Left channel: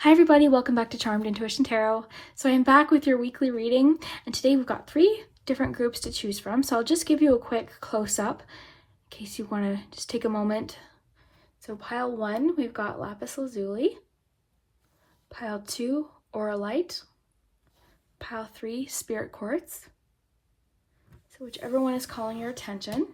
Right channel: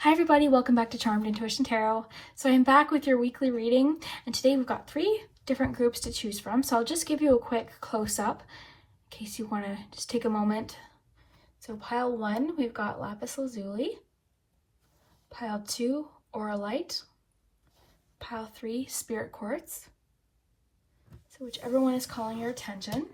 Hi everybody, welcome back to Charmed Intuition Tarot. So I'm back with your weekly reading, and today we've got 3 different groups to choose from. So I'll just give you a quick close-up in case you want to just take a moment. So pile 1, we've got Lapis Lazuli. Pile 2, Auralite. Pile 3, Spirit Quartz. So whichever one is calling your attention.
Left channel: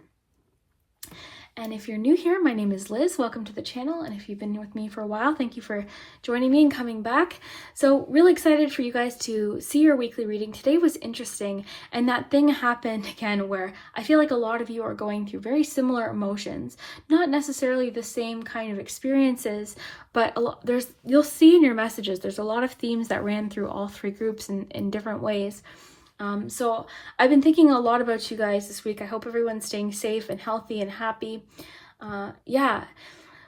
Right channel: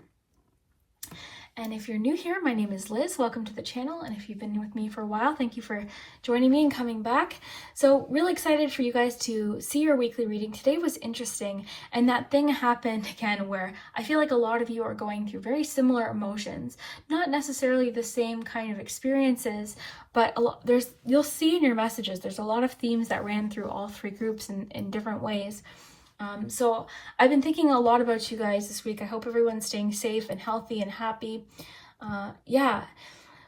And if you're new here, my name is Liz. Welcome to the channel. And if you've been with me for a while, thank you for joining me and coming back. So really excited for you guys to see your weekly reading. Today was interesting. And that thing happened again where I feel like a lot of you are going through very similar emotions, not necessarily the same kind of experiences, but you'll see in your messages, there's a lot of themes that ran through all 3 groups in different ways. So I've been thinking a lot about you guys this week. I hope everyone's staying safe and healthy and happy. Yeah.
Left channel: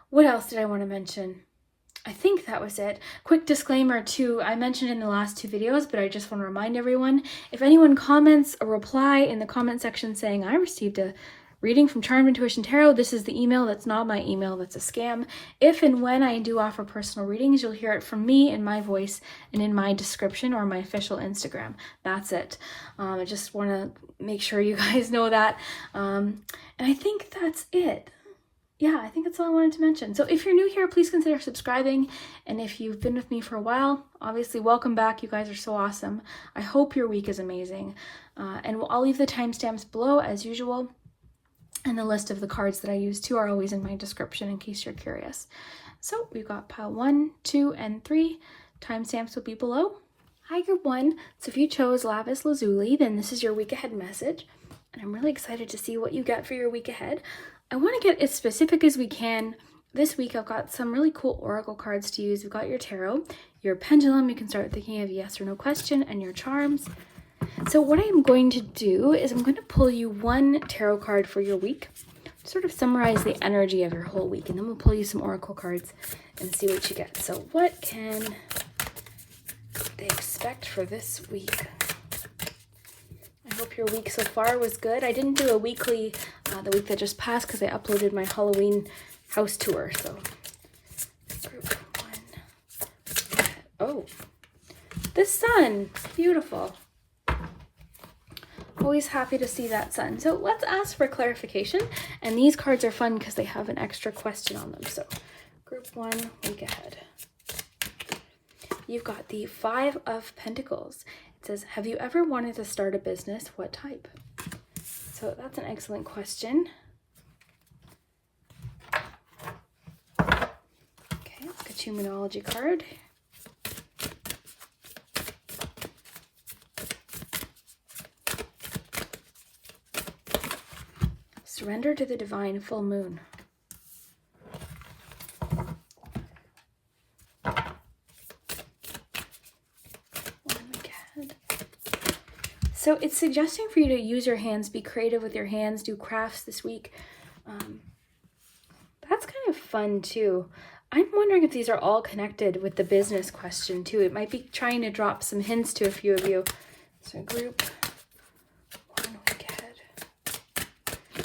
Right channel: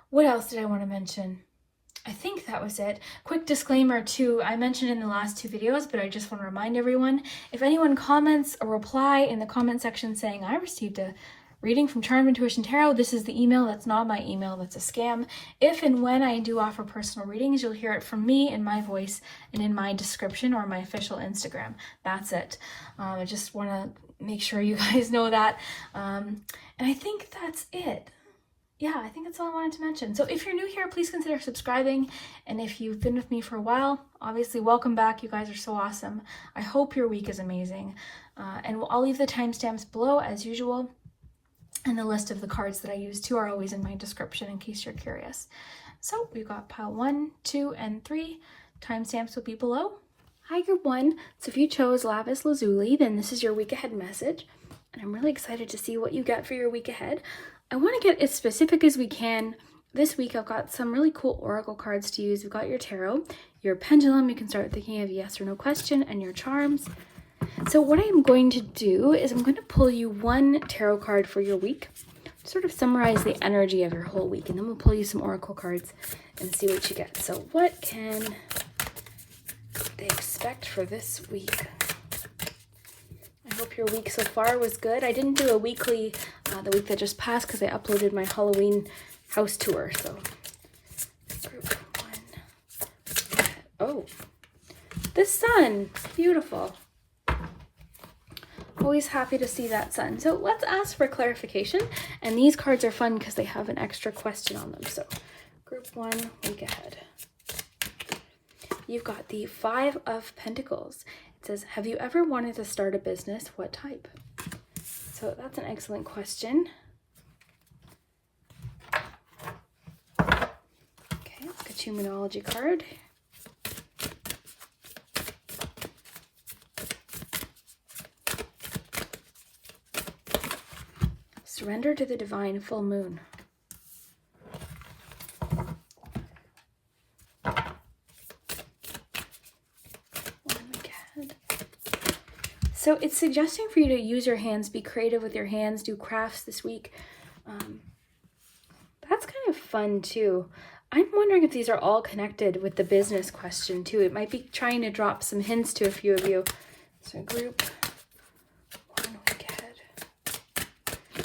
What else did I want to mention? I think that was it. Quick disclaimer too, I mentioned in the last 2 videos, but I just want to remind everyone, if anyone comments a reply in the comment section saying, I received a reading from Charmed Intuition Tarot, this is the email. That's not my email. That's a scam. If and when I do offer personal readings, you'll hear it from me in my voice and in my description or my official Instagram. That's it. I just want to make sure you guys know that. And I think that's it. Yeah, I think that's all I wanted to mention. So if you're new here, please consider subscribing. And if you've been with me for a while, obviously welcome back. You guys are so awesome. I hope your week is amazing. And I'll leave the timestamps below as usual. And the list of the cards that I use too are always in my description in case you're curious. So we've got pile 1, 2, and 3. Timestamps will be below. Hi group 1. So if you chose Lapis Lazuli, then this is your week ahead message. And I'm really excited to see what you get for your week ahead. I want to get as specific as we can. This week I've got some really cool oracle cards to use. We've got your tarot, your pendulum, you can start thinking of yes or no question, and your charms. So what I'm going to do is I'm going to pull you 1 tarot card for your week, sort of summarize the energy of your whole week, and then we'll pull you some oracle cards and see what you get. So what can they expect for this week? I hope your week so far was good. I didn't do a weekly the week that just passed because I uploaded my Halloween house tour. So group 1. Oh, the sun, beautiful. Always happy to see that sun. So let's ask for clarification. And these cards are fun because they have an extra question on them. So group 1, week ahead. You've got the 5 of Pentacles. It says, have you ever wanted to start a business? What type? So that's an excellent question. Okay, let's get you a Moonology card. Surrender to the divine full moon. So it's suggesting for you to use your hands, be creative with your hands, do crafts this week. That's kind of fun too. I'm wondering if these are all connected with the business question too. It might be trying to drop some hints to a few of you. So group 1, week ahead.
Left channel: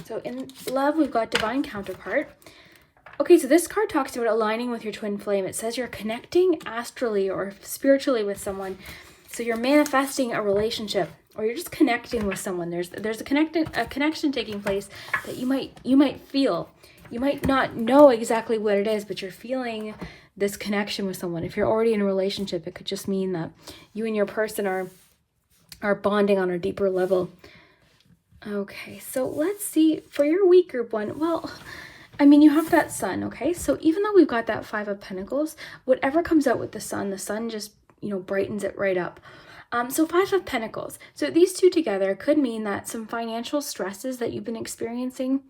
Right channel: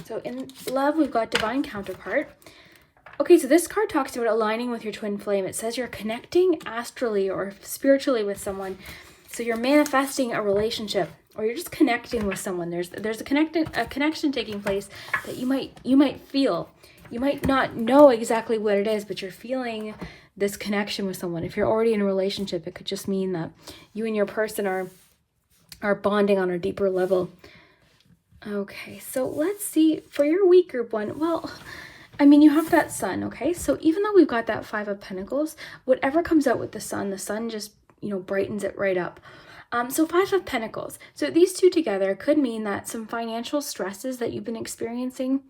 So in love, we've got divine counterpart. Okay, so this card talks about aligning with your twin flame. It says you're connecting astrally or spiritually with someone. So you're manifesting a relationship, or you're just connecting with someone. There's a connection taking place that you might feel. You might not know exactly what it is, but you're feeling this connection with someone. If you're already in a relationship, it could just mean that you and your person are bonding on a deeper level. Okay, so let's see for your week, group 1. Well, I mean, you have that sun, okay? So even though we've got that 5 of Pentacles, whatever comes out with the sun just, brightens it right up. So 5 of Pentacles. So these 2 together could mean that some financial stresses that you've been experiencing,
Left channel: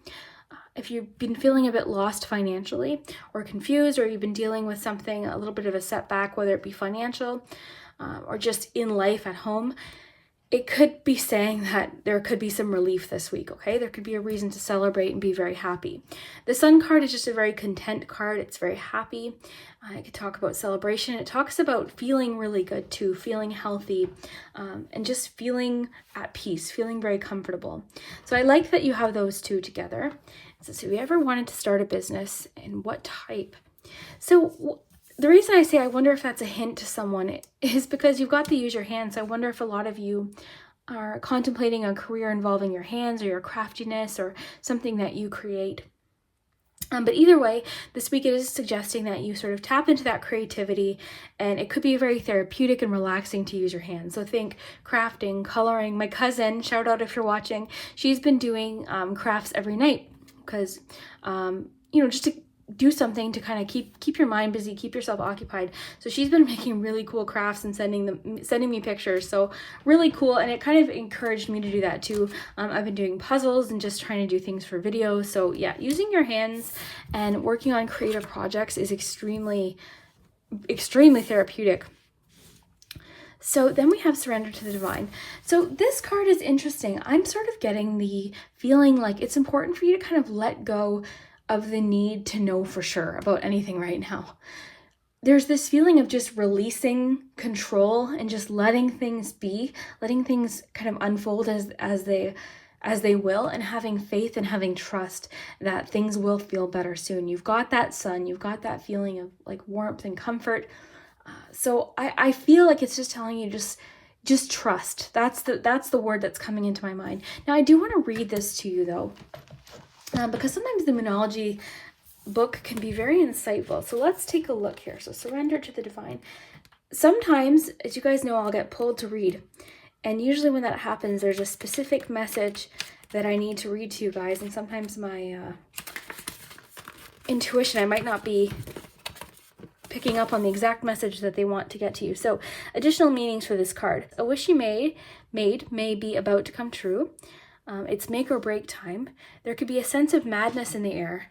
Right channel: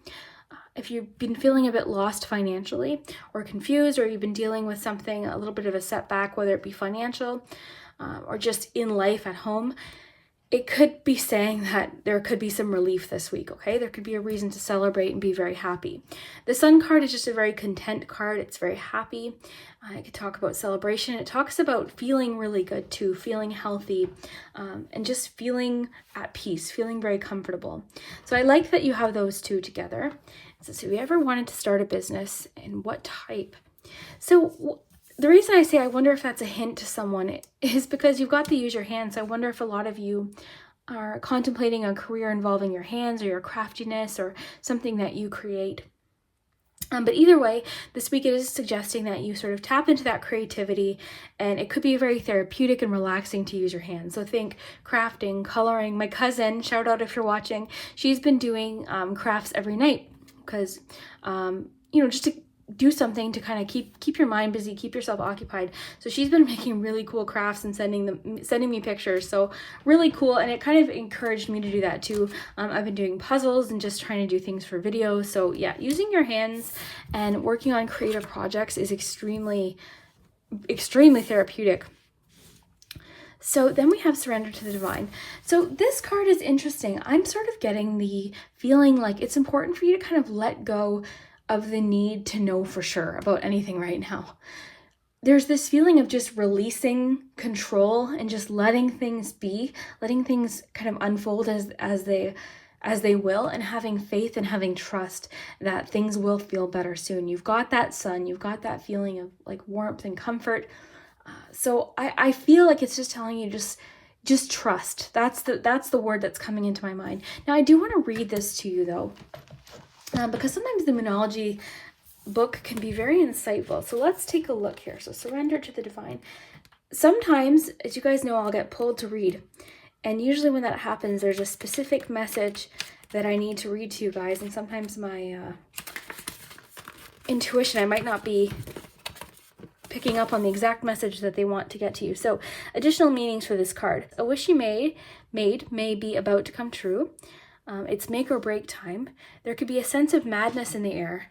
if you've been feeling a bit lost financially or confused, or you've been dealing with something, a little bit of a setback, whether it be financial or just in life at home, it could be saying that there could be some relief this week, okay? There could be a reason to celebrate and be very happy. The Sun card is just a very content card. It's very happy. I could talk about celebration. It talks about feeling really good too, feeling healthy, and just feeling at peace, feeling very comfortable. So I like that you have those 2 together. So have you ever wanted to start a business, and what type? So the reason I say I wonder if that's a hint to someone is because you've got to use your hands. So I wonder if a lot of you are contemplating a career involving your hands or your craftiness or something that you create. But either way, this week it is suggesting that you sort of tap into that creativity, and it could be very therapeutic and relaxing to use your hands. So think crafting, coloring. My cousin, shout out if you're watching, she's been doing crafts every night because, just to do something to kind of keep your mind busy, keep yourself occupied. So she's been making really cool crafts and sending me pictures. So really cool, and it kind of encouraged me to do that too. I've been doing puzzles and just trying to do things for videos. So yeah, using your hands and working on creative projects is extremely therapeutic. So then we have Surrender to the Divine. So this card is interesting. I'm sort of getting the feeling like it's important for you to kind of let go of the need to know for sure about anything right now. There's this feeling of just releasing control and just letting things be, letting things kind of unfold as they will, and having faith and having trust that things will feel better soon. You've got that sun, you've got that feeling of like warmth and comfort. So I feel like it's just telling you just trust. That's the word that's coming into my mind. Now I do want to read this to you though. Because sometimes the Moonology book can be very insightful. So let's take a look here. So Surrender to the Divine. Sometimes, as you guys know, I'll get pulled to read. And usually when that happens, there's a specific message that I need to read to you guys. And sometimes my intuition, I might not be picking up on the exact message that they want to get to you. So additional meanings for this card. A wish you made may be about to come true. It's make or break time. There could be a sense of madness in the air.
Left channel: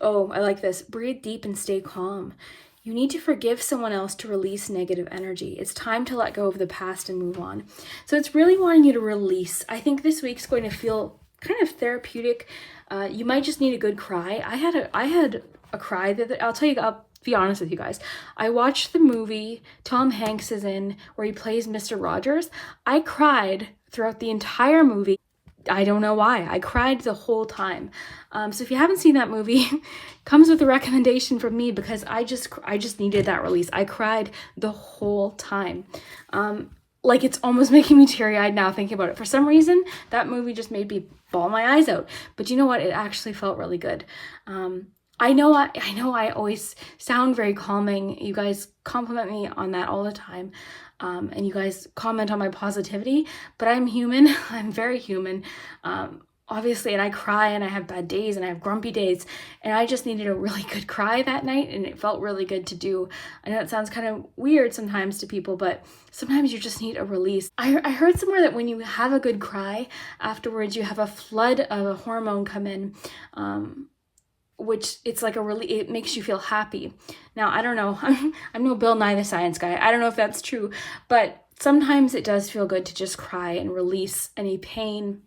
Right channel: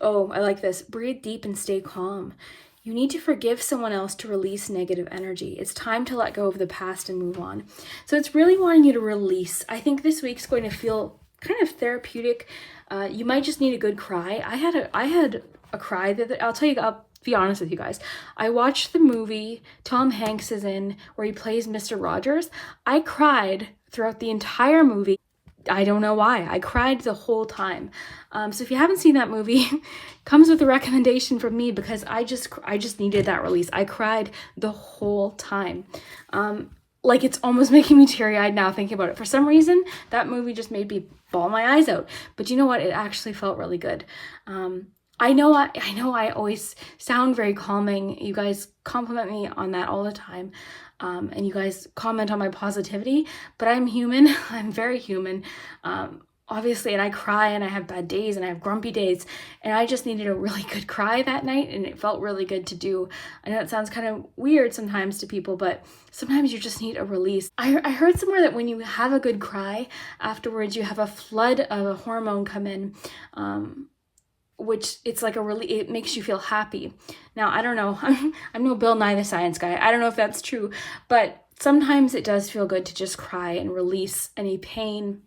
Oh, I like this. Breathe deep and stay calm. You need to forgive someone else to release negative energy. It's time to let go of the past and move on. So it's really wanting you to release. I think this week's going to feel kind of therapeutic. You might just need a good cry. I had a cry that I'll be honest with you guys. I watched the movie Tom Hanks is in where he plays Mr. Rogers. I cried throughout the entire movie. I don't know why. I cried the whole time. So if you haven't seen that movie, comes with a recommendation from me because I just needed that release. I cried the whole time. Like it's almost making me teary-eyed now thinking about it. For some reason, that movie just made me bawl my eyes out. But you know what? It actually felt really good. I know I always sound very calming. You guys compliment me on that all the time. And you guys comment on my positivity, but I'm human. I'm very human, obviously, and I cry and I have bad days and I have grumpy days, and I just needed a really good cry that night, and it felt really good to do. I know it sounds kind of weird sometimes to people, but sometimes you just need a release. I heard somewhere that when you have a good cry, afterwards you have a flood of a hormone come in, which it's like it makes you feel happy. Now, I don't know, I'm no Bill Nye the Science Guy. I don't know if that's true, but sometimes it does feel good to just cry and release any pain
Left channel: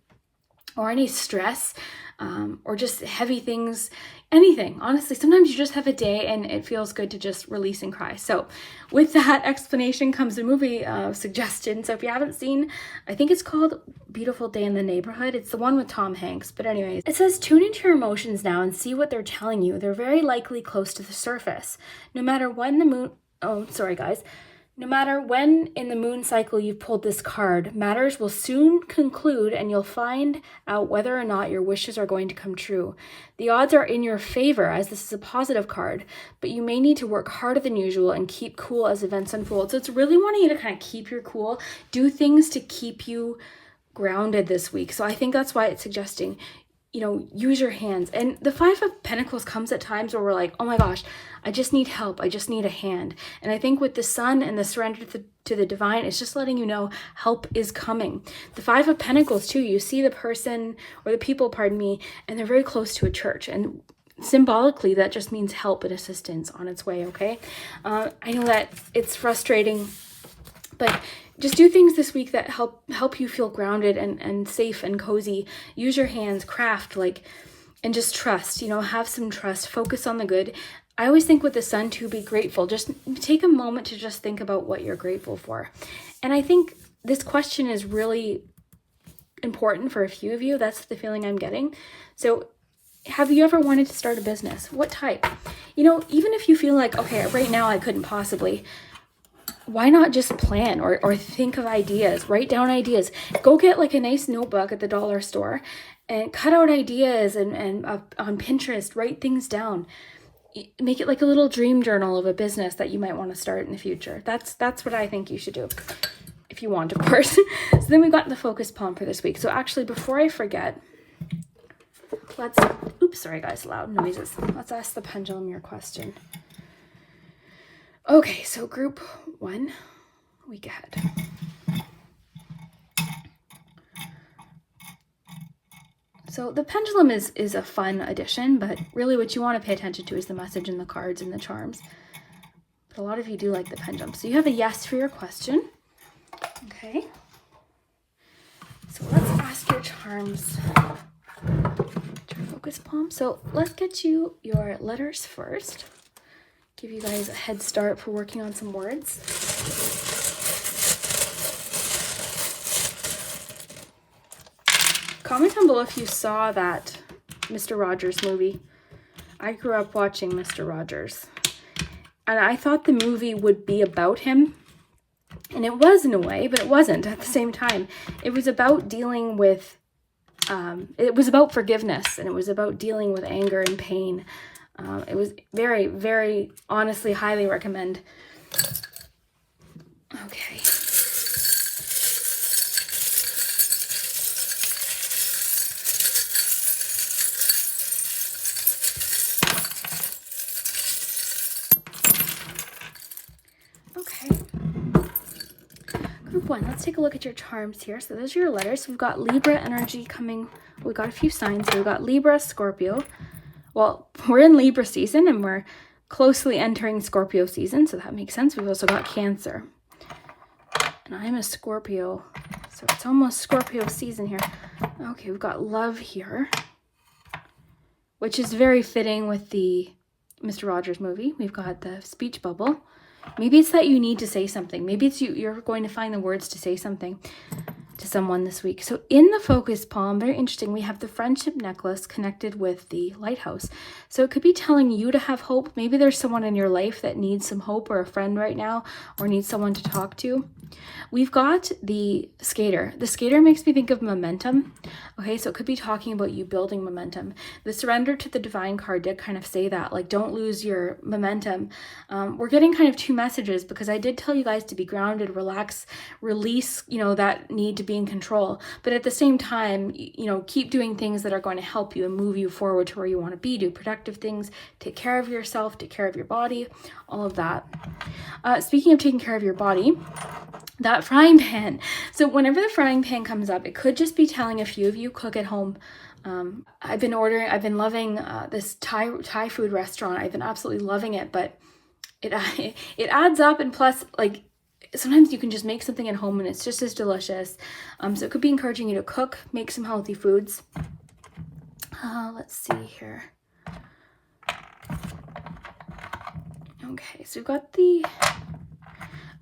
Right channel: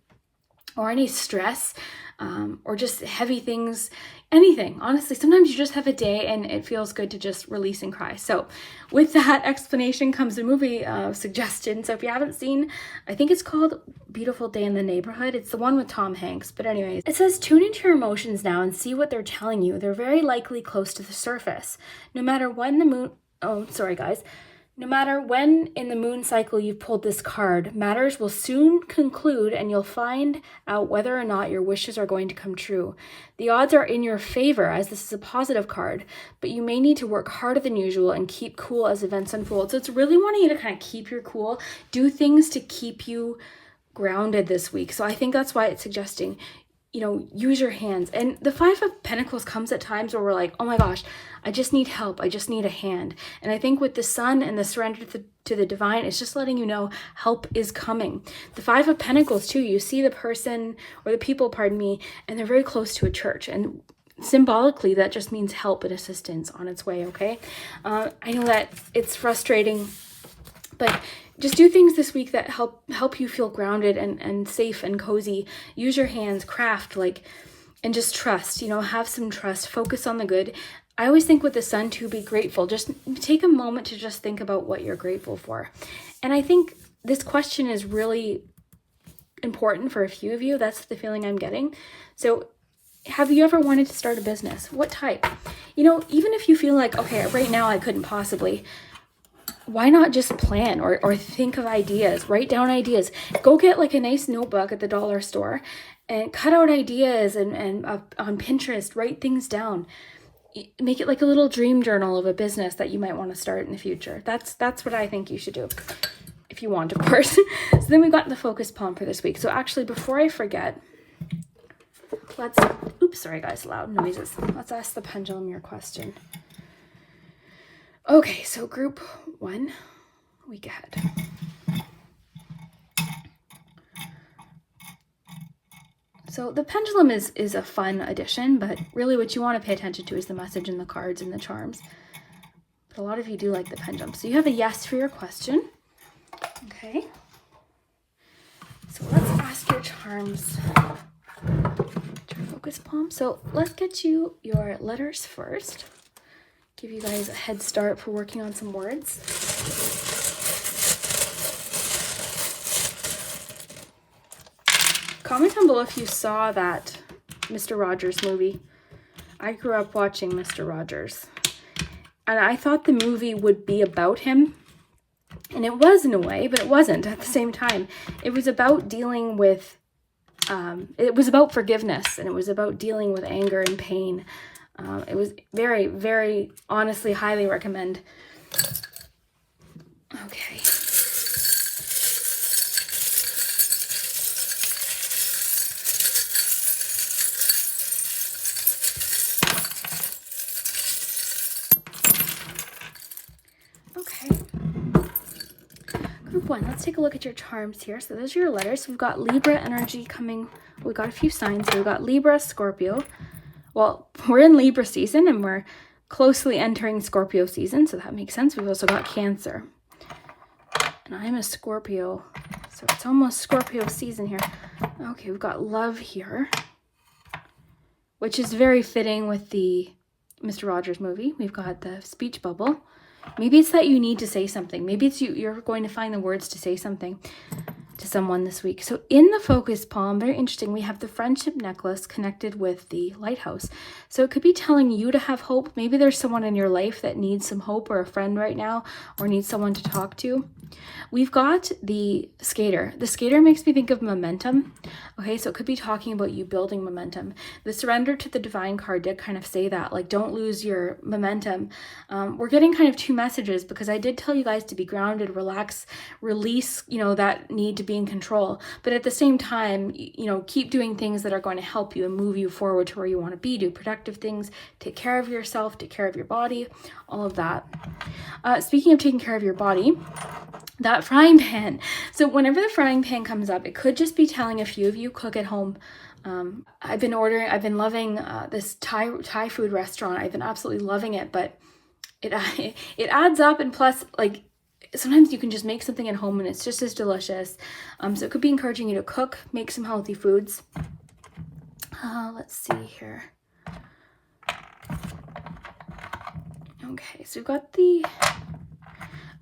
or any stress, or just heavy things, anything. Honestly, sometimes you just have a day and it feels good to just release and cry. So with that explanation comes a movie suggestion. So if you haven't seen, I think it's called Beautiful Day in the Neighborhood. It's the one with Tom Hanks. But anyways, it says tune into your emotions now and see what they're telling you. They're very likely close to the surface. No matter when No matter when in the moon cycle you've pulled this card, matters will soon conclude and you'll find out whether or not your wishes are going to come true. The odds are in your favor as this is a positive card, but you may need to work harder than usual and keep cool as events unfold. So it's really wanting you to kind of keep your cool, do things to keep you grounded this week. So I think that's why it's suggesting, use your hands. And the Five of Pentacles comes at times where we're like, oh my gosh, I just need help. I just need a hand. And I think with the Sun and the Surrender to the Divine, it's just letting you know help is coming. The Five of Pentacles too, you see the person or the people, and they're very close to a church. And symbolically, that just means help and assistance on its way, okay? I know that it's frustrating, but just do things this week that help you feel grounded and safe and cozy. Use your hands, craft, and just trust, have some trust, focus on the good. I always think with the Sun too, be grateful. Just take a moment to just think about what you're grateful for. And I think this question is really important for a few of you. That's the feeling I'm getting. So have you ever wanted to start a business? What type? You know, even if you feel like, okay, right now I couldn't possibly, why not just plan or think of ideas, write down ideas, go get like a nice notebook at the dollar store and cut out ideas and on Pinterest, write things down. Make it like a little dream journal of a business that you might want to start in the future. That's what I think you should do, if you want, of course. So then we got the focus palm for this week. So actually, before I forget, let's, oops, sorry guys, loud noises. Let's ask the pendulum your question. Okay, so group 1, week ahead. So the pendulum is a fun addition, but really what you want to pay attention to is the message and the cards and the charms. But a lot of you do like the pendulum. So you have a yes for your question. Okay. So let's ask your charms. Your focus palm. So let's get you your letters first. Give you guys a head start for working on some words. Comment down below if you saw that Mr. Rogers movie. I grew up watching Mr. Rogers. And I thought the movie would be about him. And it was in a way, but it wasn't at the same time. It was about dealing with, it was about forgiveness. And it was about dealing with anger and pain. It was very, very, honestly, highly recommend. Okay. Okay. Group 1, let's take a look at your charms here. So those are your letters. We've got Libra energy coming. We've got a few signs. So we've got Libra, Scorpio. Well, we're in Libra season and we're closely entering Scorpio season, so that makes sense. We've also got Cancer. And I'm a Scorpio, so it's almost Scorpio season here. Okay, we've got Love here, which is very fitting with the Mr. Rogers movie. We've got the speech bubble. Maybe it's that you need to say something. Maybe it's you're going to find the words to say something to someone this week. So in the focus palm, very interesting, we have the friendship necklace connected with the lighthouse. So it could be telling you to have hope. Maybe there's someone in your life that needs some hope, or a friend right now, or needs someone to talk to. We've got the skater. The skater makes me think of momentum. Okay, so it could be talking about you building momentum. The surrender to the divine card did kind of say that, like, don't lose your momentum. We're getting kind of two messages, because I did tell you guys to be grounded, relax, release, you know, that need to be in control. But at the same time, you know, keep doing things that are going to help you and move you forward to where you want to be. Do productive things, take care of yourself, take care of your body, all of that. Speaking of taking care of your body, that frying pan. So whenever the frying pan comes up, it could just be telling a few of you cook at home. I've been loving this Thai food restaurant. I've been absolutely loving it, but it adds up, and plus, like, sometimes you can just make something at home and it's just as delicious. So it could be encouraging you to cook, make some healthy foods. Let's see here. Okay, so we've got the...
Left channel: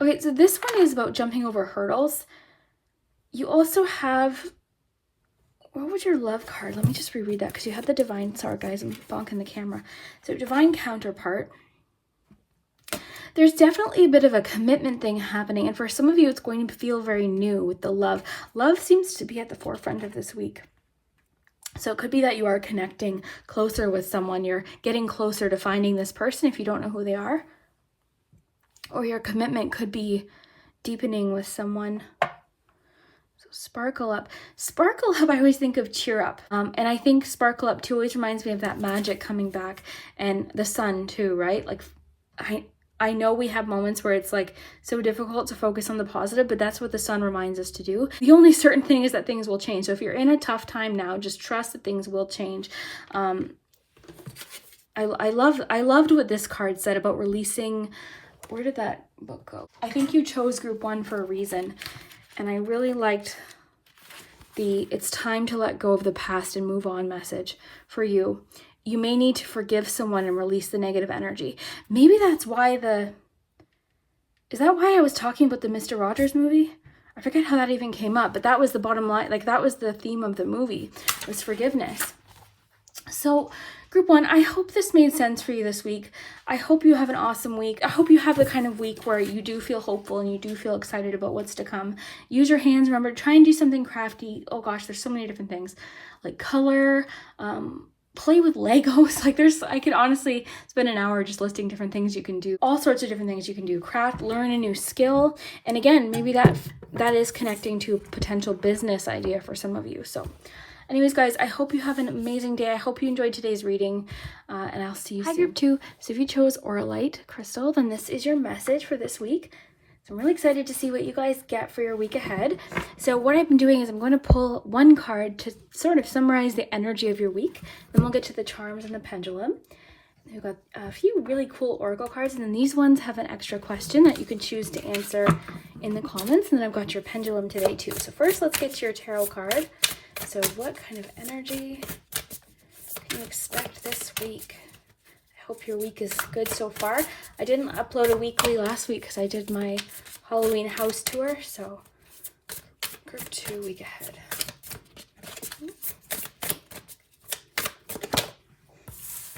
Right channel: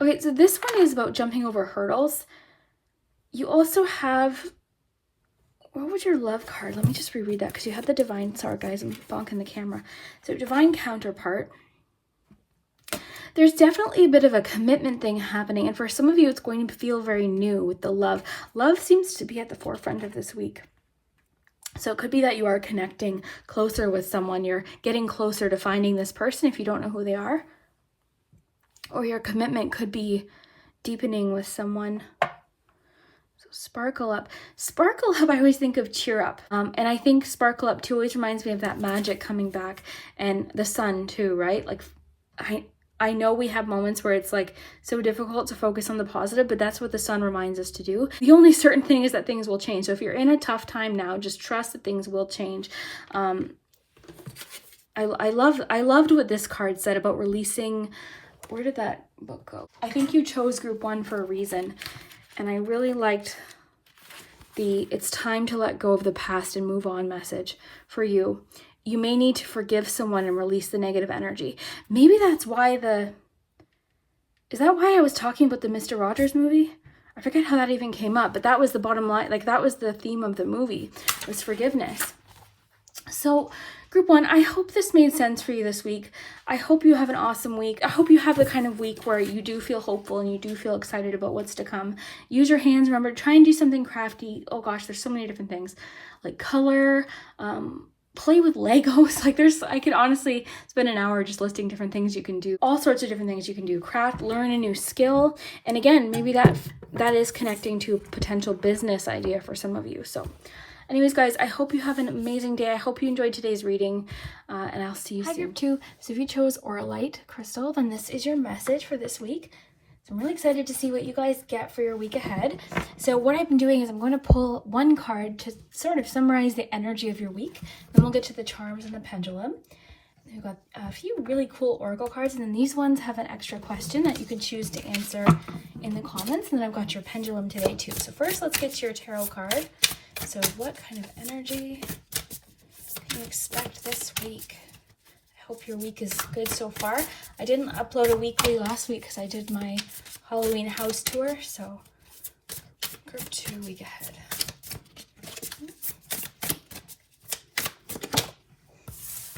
Okay, so this one is about jumping over hurdles. You also have... What was your love card? Let me just reread that, because you had the divine... Sorry, guys, I'm bonking the camera. So divine counterpart. There's definitely a bit of a commitment thing happening, and for some of you, it's going to feel very new with the love. Love seems to be at the forefront of this week. So it could be that you are connecting closer with someone. You're getting closer to finding this person if you don't know who they are. Or your commitment could be deepening with someone. So sparkle up. Sparkle up, I always think of cheer up. And I think sparkle up too always reminds me of that magic coming back. And the sun too, right? Like, I know we have moments where it's like so difficult to focus on the positive, but that's what the sun reminds us to do. The only certain thing is that things will change. So if you're in a tough time now, just trust that things will change. I loved what this card said about releasing. Where did that book go? I think you chose group 1 for a reason. And I really liked the it's time to let go of the past and move on message for you. You may need to forgive someone and release the negative energy. Maybe that's why is that why I was talking about the Mr. Rogers movie? I forget how that even came up, but that was the bottom line. Like, that was the theme of the movie, was forgiveness. So group one, I hope this made sense for you this week. I hope you have an awesome week. I hope you have the kind of week where you do feel hopeful and you do feel excited about what's to come. Use your hands. Remember, try and do something crafty. Oh gosh, there's so many different things like color, play with Legos. Like I could honestly spend an hour just listing different things you can do. All sorts of different things you can do. Craft, learn a new skill. And again, maybe that is connecting to a potential business idea for some of you. So anyways, guys, I hope you have an amazing day. I hope you enjoyed today's reading, and I'll see you soon. Group 2, so if you chose Auralite crystal, then this is your message for this week. So I'm really excited to see what you guys get for your week ahead. So what I've been doing is I'm going to pull one card to sort of summarize the energy of your week. Then we'll get to the charms and the pendulum. We've got a few really cool oracle cards, and then these ones have an extra question that you can choose to answer in the comments. And then I've got your pendulum today too. So first, let's get to your tarot card. So what kind of energy can you expect this week? I hope your week is good so far. I didn't upload a weekly last week because I did my Halloween house tour. So group 2, week ahead.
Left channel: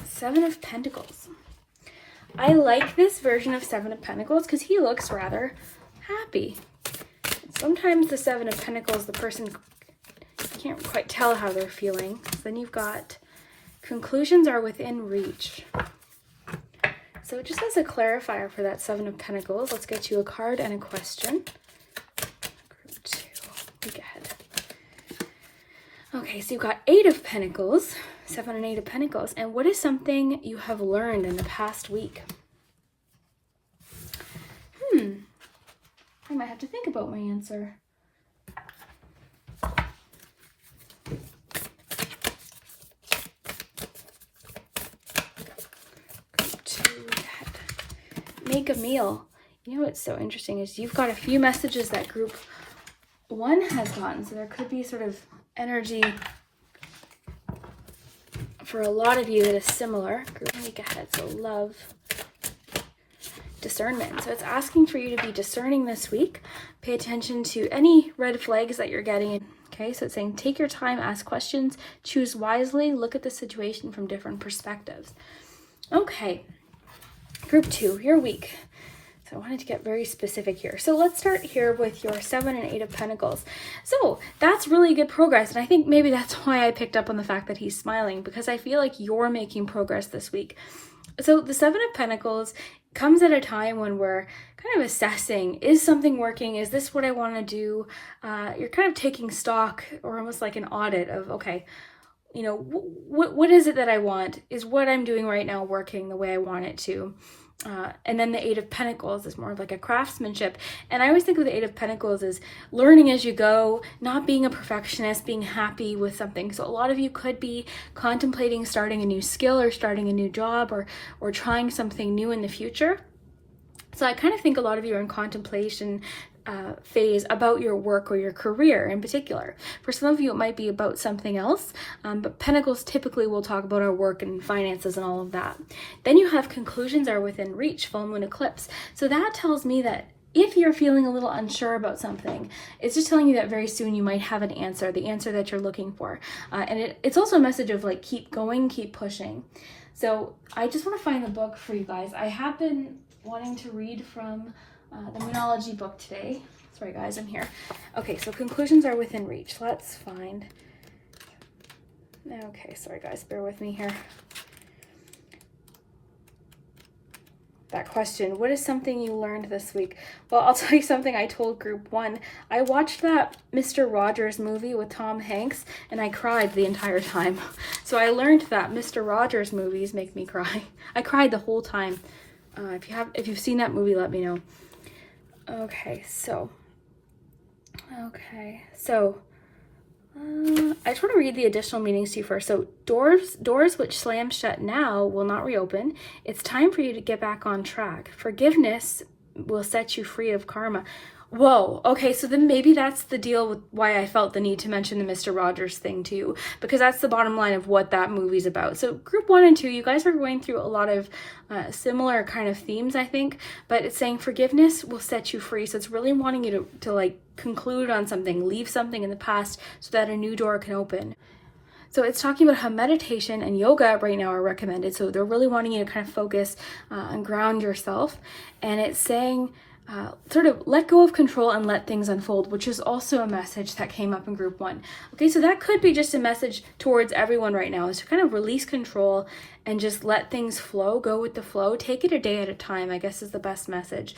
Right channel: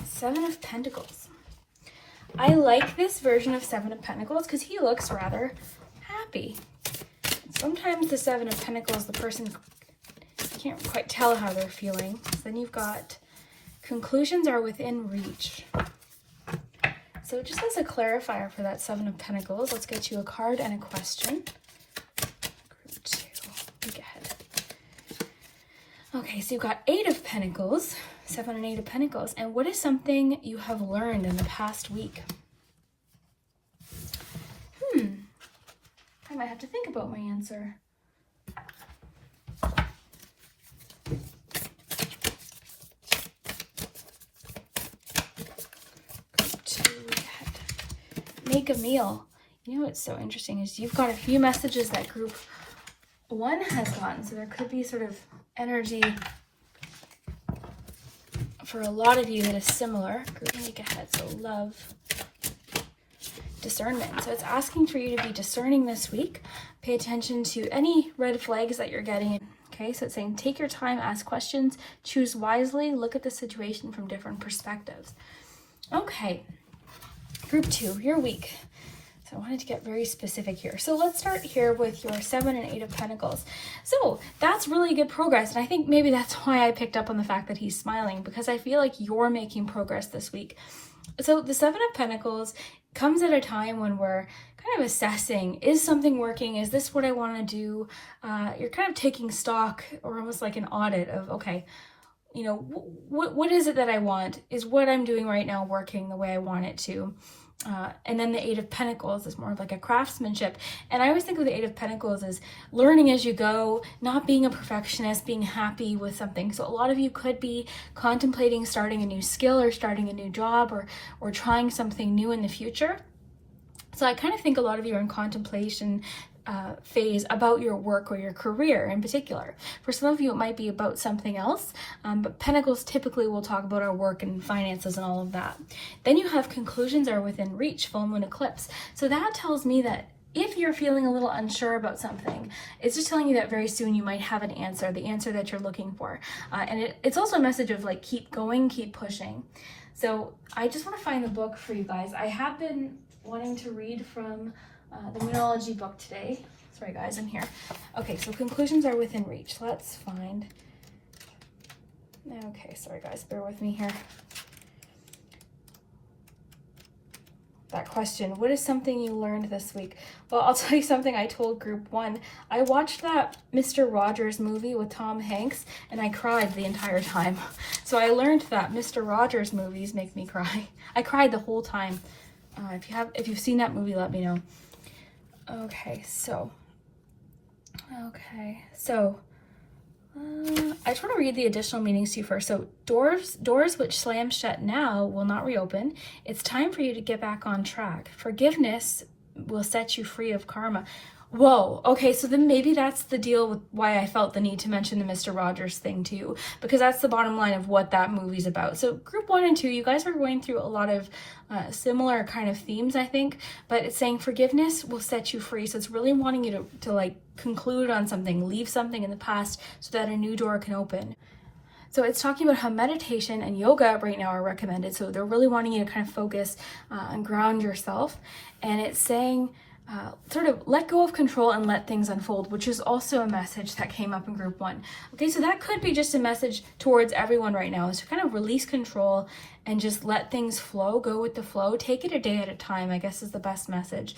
Seven of Pentacles. I like this version of Seven of Pentacles because he looks rather happy. Sometimes the Seven of Pentacles, the person can't quite tell how they're feeling. So then you've got conclusions are within reach. So just as a clarifier for that Seven of Pentacles, let's get you a card and a question. Group 2, week ahead. Okay, so you've got Eight of Pentacles, 7 and 8 of Pentacles. And what is something you have learned in the past week? I might have to think about my answer. Make a meal. You know what's so interesting is you've got a few messages that group 1 has gotten. So there could be sort of energy for a lot of you that is similar. Group week ahead. So love, discernment. So it's asking for you to be discerning this week. Pay attention to any red flags that you're getting. Okay, so it's saying take your time, ask questions, choose wisely, look at the situation from different perspectives. Okay. Group 2, your week. So I wanted to get very specific here. So let's start here with your 7 and 8 of Pentacles. So that's really good progress. And I think maybe that's why I picked up on the fact that he's smiling, because I feel like you're making progress this week. So the 7 of Pentacles comes at a time when we're kind of assessing, is something working? Is this what I want to do? You're kind of taking stock, or almost like an audit of, okay, you know, what is it that I want? Is what I'm doing right now working the way I want it to? And then the 8 of Pentacles is more like a craftsmanship. And I always think of the 8 of Pentacles as learning as you go, not being a perfectionist, being happy with something. So a lot of you could be contemplating starting a new skill or starting a new job or trying something new in the future. So I kind of think a lot of you are in contemplation phase about your work or your career in particular. For some of you, it might be about something else, but Pentacles typically will talk about our work and finances and all of that. Then you have conclusions are within reach, full moon eclipse. So that tells me that if you're feeling a little unsure about something, it's just telling you that very soon you might have an answer, the answer that you're looking for. And it's also a message of like, keep going, keep pushing. So I just want to find the book for you guys. I have been wanting to read from the Moonology book today. Sorry guys, I'm here. Okay, so conclusions are within reach. Let's find. Okay, sorry guys, bear with me here. That question, what is something you learned this week? Well, I'll tell you something I told group 1. I watched that Mr. Rogers movie with Tom Hanks and I cried the entire time. So I learned that Mr. Rogers movies make me cry. I cried the whole time. If you've seen that movie, let me know. Okay, so I just want to read the additional meanings to you first. So doors which slam shut now will not reopen. It's time for you to get back on track. Forgiveness will set you free of karma. Whoa, okay, so then maybe that's the deal with why I felt the need to mention the Mr. Rogers thing too, because that's the bottom line of what that movie's about. So group 1 and 2, you guys are going through a lot of similar kind of themes, I think, but it's saying forgiveness will set you free. So it's really wanting you to like conclude on something, leave something in the past so that a new door can open. So it's talking about how meditation and yoga right now are recommended. So they're really wanting you to kind of focus and ground yourself. And it's saying, sort of let go of control and let things unfold, which is also a message that came up in group 1. Okay, so that could be just a message towards everyone right now, is to kind of release control and just let things flow, go with the flow, take it a day at a time, I guess is the best message.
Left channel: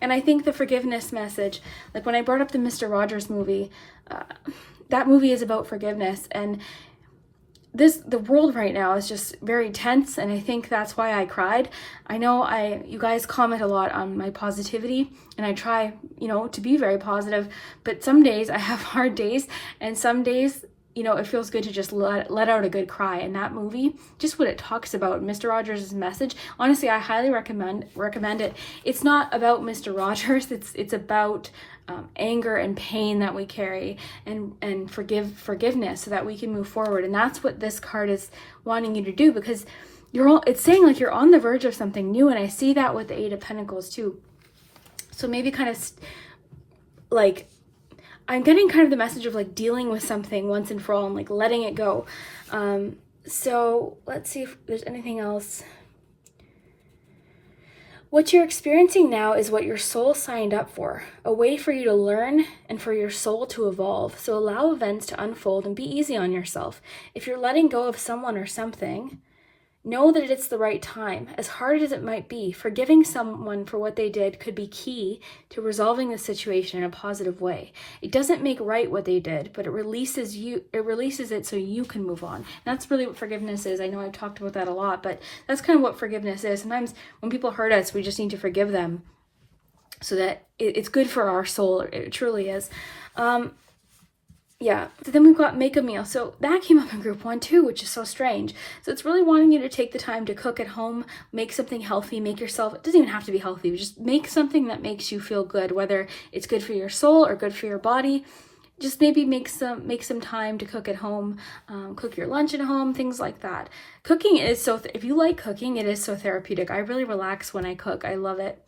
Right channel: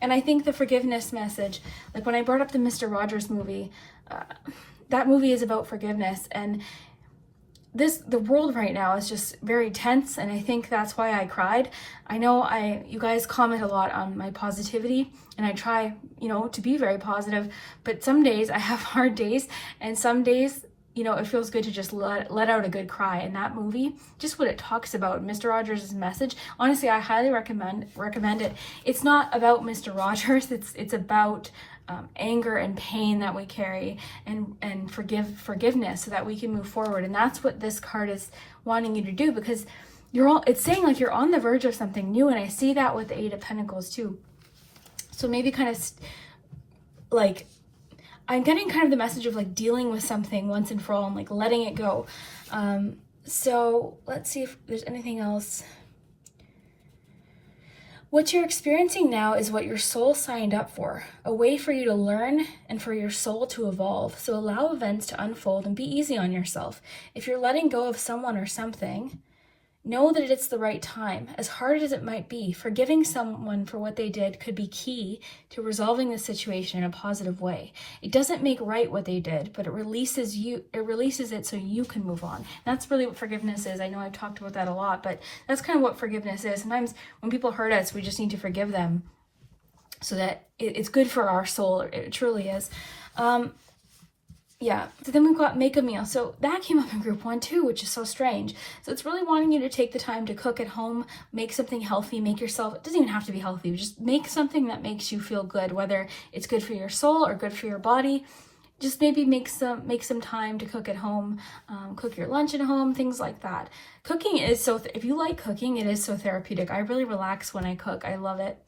And I think the forgiveness message, like when I brought up the Mr. Rogers movie, that movie is about forgiveness, and the world right now is just very tense, and I think that's why I cried. I know you guys comment a lot on my positivity, and I try, to be very positive, but some days I have hard days, and some days, it feels good to just let out a good cry. And that movie, just what it talks about, Mr. Rogers' message, honestly, I highly recommend it. It's not about Mr. Rogers, it's about anger and pain that we carry, and forgiveness, so that we can move forward. And that's what this card is wanting you to do, because it's saying like you're on the verge of something new, and I see that with the 8 of Pentacles too. So maybe kind of like I'm getting kind of the message of like dealing with something once and for all and like letting it go. So let's see if there's anything else. What you're experiencing now is what your soul signed up for, a way for you to learn and for your soul to evolve. So allow events to unfold and be easy on yourself. If you're letting go of someone or something, know that it's the right time. As hard as it might be, forgiving someone for what they did could be key to resolving the situation in a positive way. It doesn't make right what they did, but it releases it so you can move on. And that's really what forgiveness is. I know I've talked about that a lot, but that's kind of what forgiveness is. Sometimes when people hurt us, we just need to forgive them so that it's good for our soul. It truly is. Yeah, so then we've got make a meal. So that came up in group 1 too, which is so strange. So it's really wanting you to take the time to cook at home, make something healthy, make yourself, it doesn't even have to be healthy, just make something that makes you feel good, whether it's good for your soul or good for your body. Just maybe make some time to cook at home, cook your lunch at home, things like that. Cooking is if you like cooking, it is so therapeutic. I really relax when I cook. I love it.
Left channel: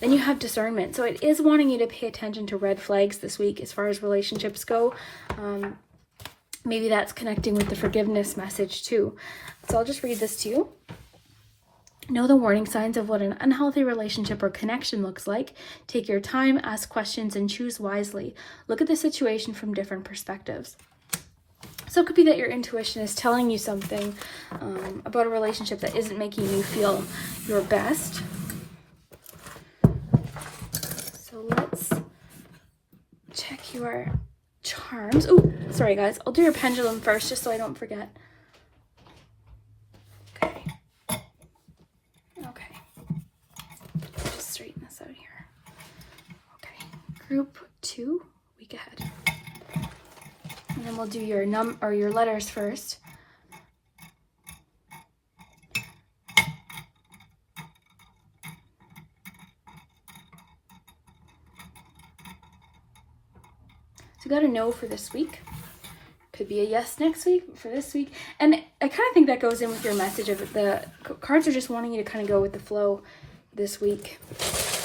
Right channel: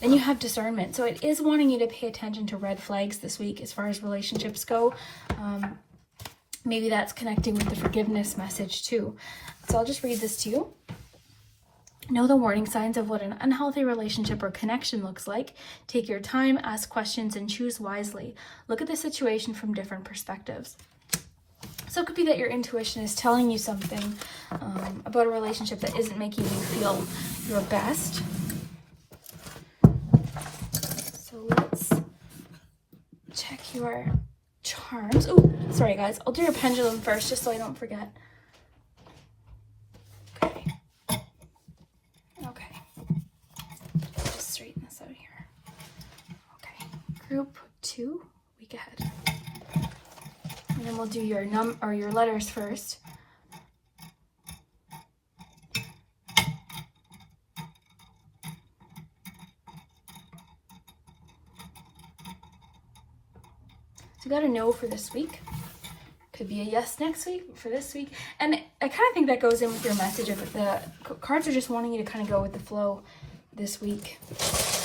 Then you have discernment. So it is wanting you to pay attention to red flags this week as far as relationships go. Maybe that's connecting with the forgiveness message too. So I'll just read this to you. Know the warning signs of what an unhealthy relationship or connection looks like. Take your time, ask questions, and choose wisely. Look at the situation from different perspectives. So it could be that your intuition is telling you something about a relationship that isn't making you feel your best. So let's check your charms. Oh, sorry guys. I'll do your pendulum first just so I don't forget. Group 2, week ahead. And then we'll do your your letters first. So you got a no for this week. Could be a yes next week, but for this week. And I kind of think that goes in with your message of the cards are just wanting you to kind of go with the flow this week.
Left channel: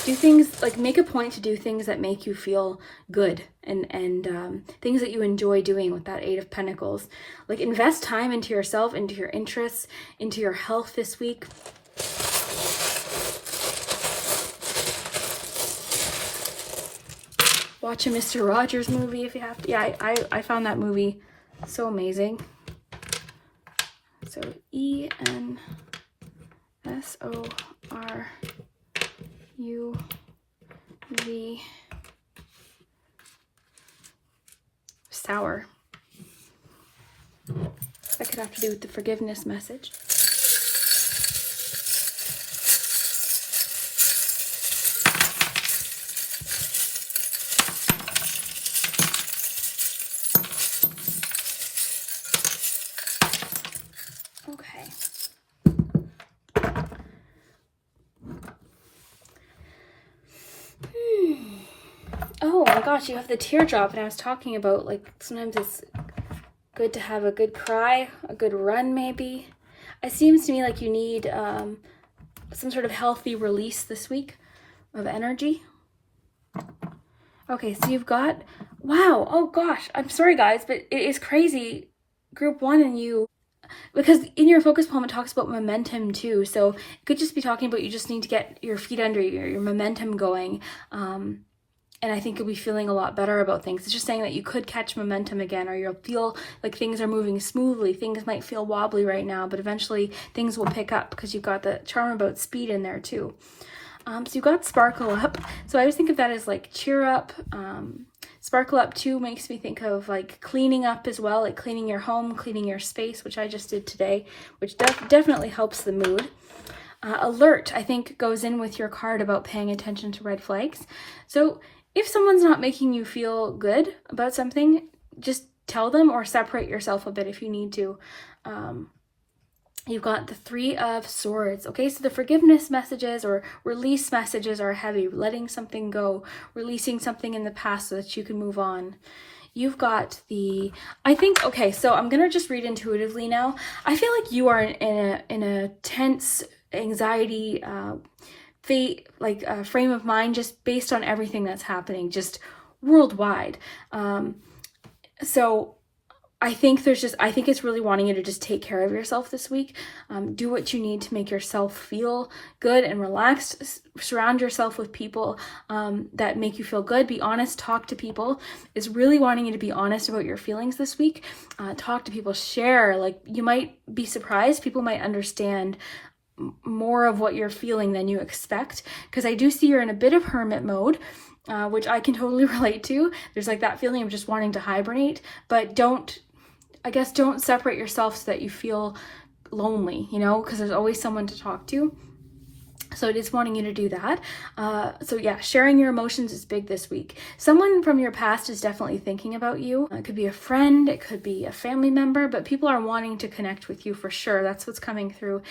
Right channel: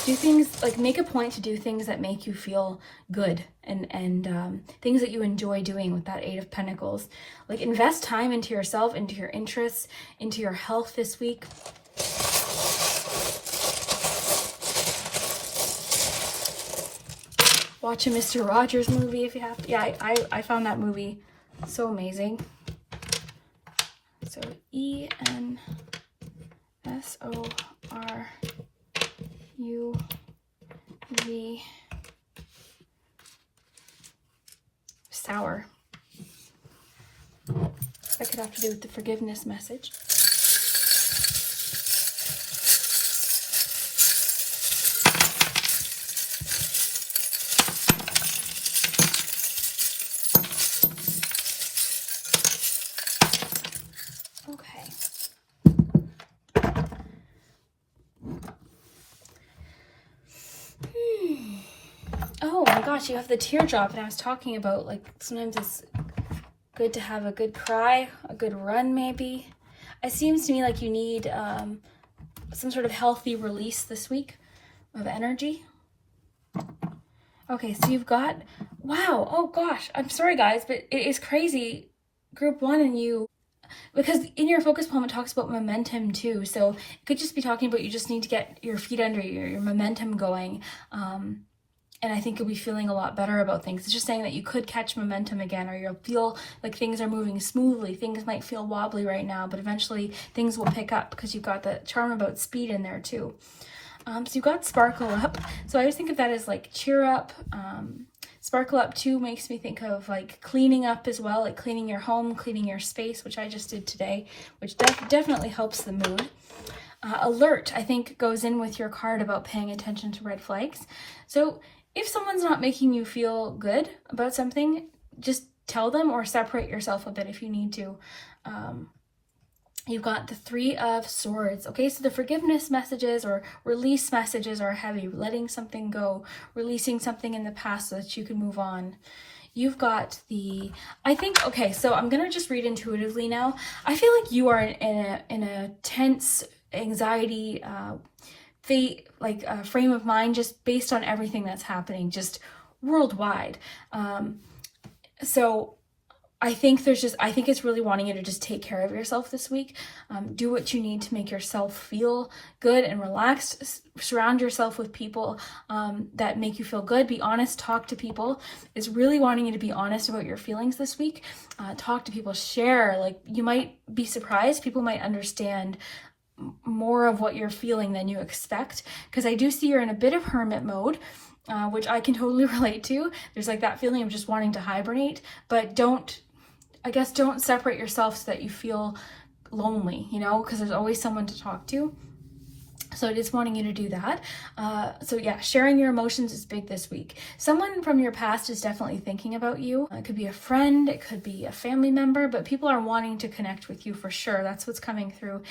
Do things, like make a point to do things that make you feel good and things that you enjoy doing with that 8 of Pentacles. Like invest time into yourself, into your interests, into your health this week. Watch a Mr. Rogers movie if you have to. Yeah, I found that movie so amazing. So ENSORUV sour. That could have to do with the forgiveness message. You have the teardrop, and I was talking about like sometimes it's good to have a good cry, a good run maybe. It seems to me like you need some sort of healthy release this week of energy. Okay, so you've got, wow, oh gosh, I'm sorry guys, but it is crazy group 1 and you, because in your focus poem it talks about momentum too, so it could just be talking about you just need to get your feet under you, your momentum going, and I think you'll be feeling a lot better about things. It's just saying that you could catch momentum again, or you'll feel like things are moving smoothly. Things might feel wobbly right now, but eventually things will pick up because you've got the charm about speed in there too. So you've got sparkle up. So I always think of that as like cheer up. Sparkle up too makes me think of like cleaning up as well, like cleaning your home, cleaning your space, which I just did today, which definitely helps the mood. Alert, I think, goes in with your card about paying attention to red flags. So if someone's not making you feel good about something, just tell them or separate yourself a bit if you need to. You've got the 3 of Swords. Okay, so the forgiveness messages or release messages are heavy. Letting something go, releasing something in the past so that you can move on. You've got the, I think, okay, so I'm gonna just read intuitively now. I feel like you are in a tense anxiety frame of mind, just based on everything that's happening just worldwide. So I think it's really wanting you to just take care of yourself this week. Do what you need to make yourself feel good and relaxed. Surround yourself with people that make you feel good. Be honest. Talk to people. Is really wanting you to be honest about your feelings this week. Talk to people. Share. Like, you might be surprised. People might understand more of what you're feeling than you expect, because I do see you're in a bit of hermit mode, which I can totally relate to. There's like that feeling of just wanting to hibernate, but don't separate yourself so that you feel lonely, because there's always someone to talk to. So it is wanting you to do that. So yeah, sharing your emotions is big this week. Someone from your past is definitely thinking about you. It could be a friend, it could be a family member, but people are wanting to connect with you for sure. That's what's coming through.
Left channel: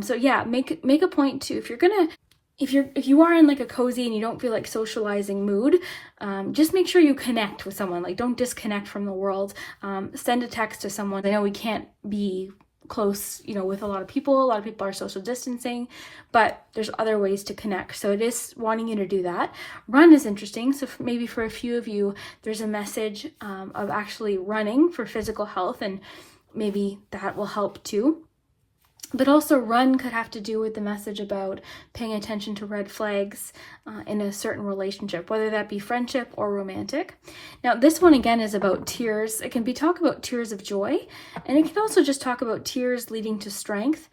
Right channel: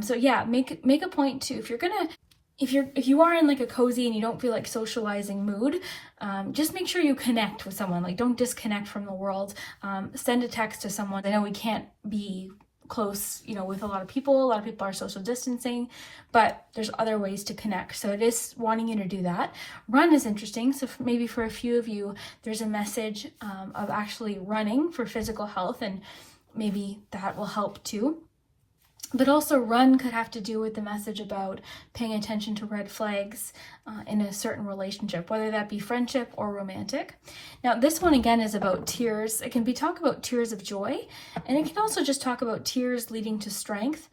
So yeah, make a point to, if you are in like a cozy and you don't feel like socializing mood, just make sure you connect with someone. Like, don't disconnect from the world. Send a text to someone. I know we can't be close, with a lot of people are social distancing, but there's other ways to connect. So it is wanting you to do that. Run is interesting. So maybe for a few of you, there's a message of actually running for physical health, and maybe that will help too. But also run could have to do with the message about paying attention to red flags in a certain relationship, whether that be friendship or romantic. Now, this one again is about tears. It can talk about tears of joy, and it can also just talk about tears leading to strength.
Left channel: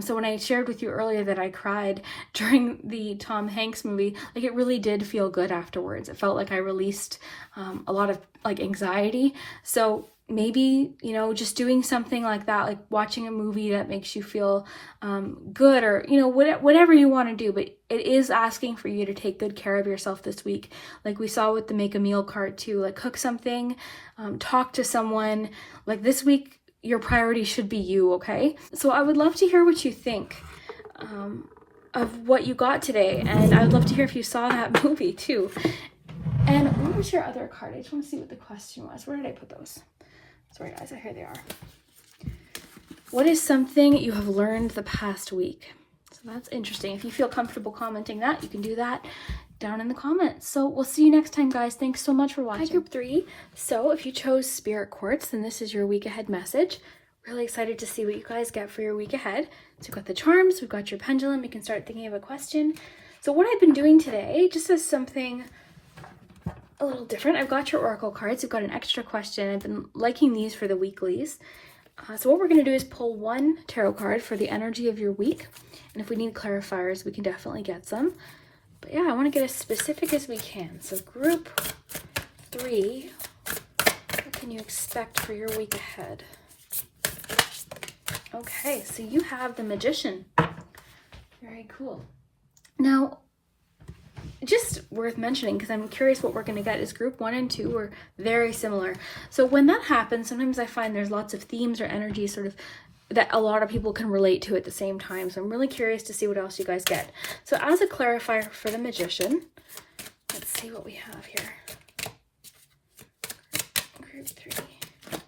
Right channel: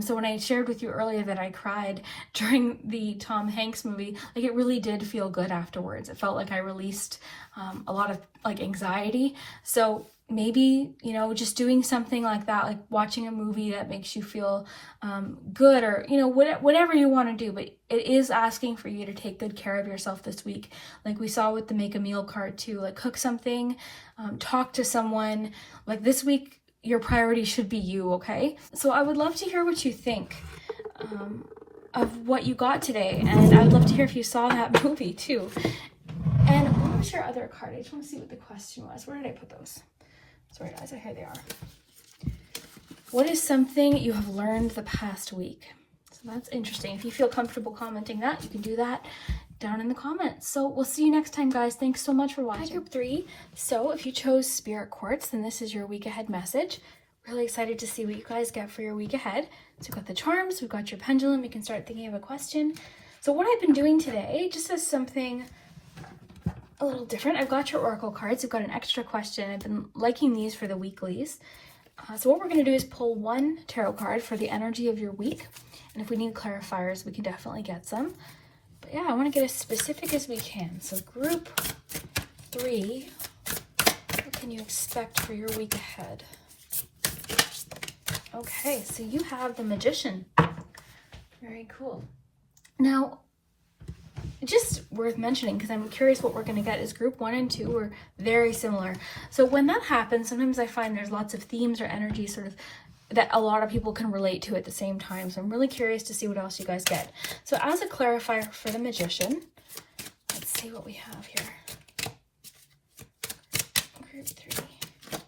So when I shared with you earlier that I cried during the Tom Hanks movie, like, it really did feel good afterwards. It felt like I released a lot of like anxiety. So maybe, just doing something like that, like watching a movie that makes you feel good, or, whatever you want to do. But it is asking for you to take good care of yourself this week. Like we saw with the make a meal card too, like cook something, talk to someone. Like this week, your priority should be you, okay? So I would love to hear what you think of what you got today. And I would love to hear if you saw that movie too. And what was your other card? I just want to see what the question was. Where did I put those? Sorry guys, here they are. What is something you have learned the past week? So that's interesting. If you feel comfortable commenting that, you can do that down in the comments. So we'll see you next time, guys. Thanks so much for watching. Hi, group 3. So if you chose Spirit Quartz, then this is your week ahead message. Really excited to see what you guys get for your week ahead. So we've got the charms, we've got your pendulum. You can start thinking of a question. So what I've been doing today, just as something a little different, I've got your oracle cards. We've got an extra question. I've been liking these for the weeklies. So what we're going to do is pull one tarot card for the energy of your week. And if we need clarifiers, we can definitely get some. But yeah, I want to get as specific as we can. So group 3, what can you expect for your week ahead? Okay, so you have the Magician. Very cool. Now, just worth mentioning, because I'm curious what we're going to get, is group 1 and 2 are very similar. So when that happens, sometimes I find there's lots of themes or energies sort of that a lot of people can relate to at the same time. So I'm really curious to see what else you guys get. So as a clarifier for the Magician, let's see what we have here. Group 3.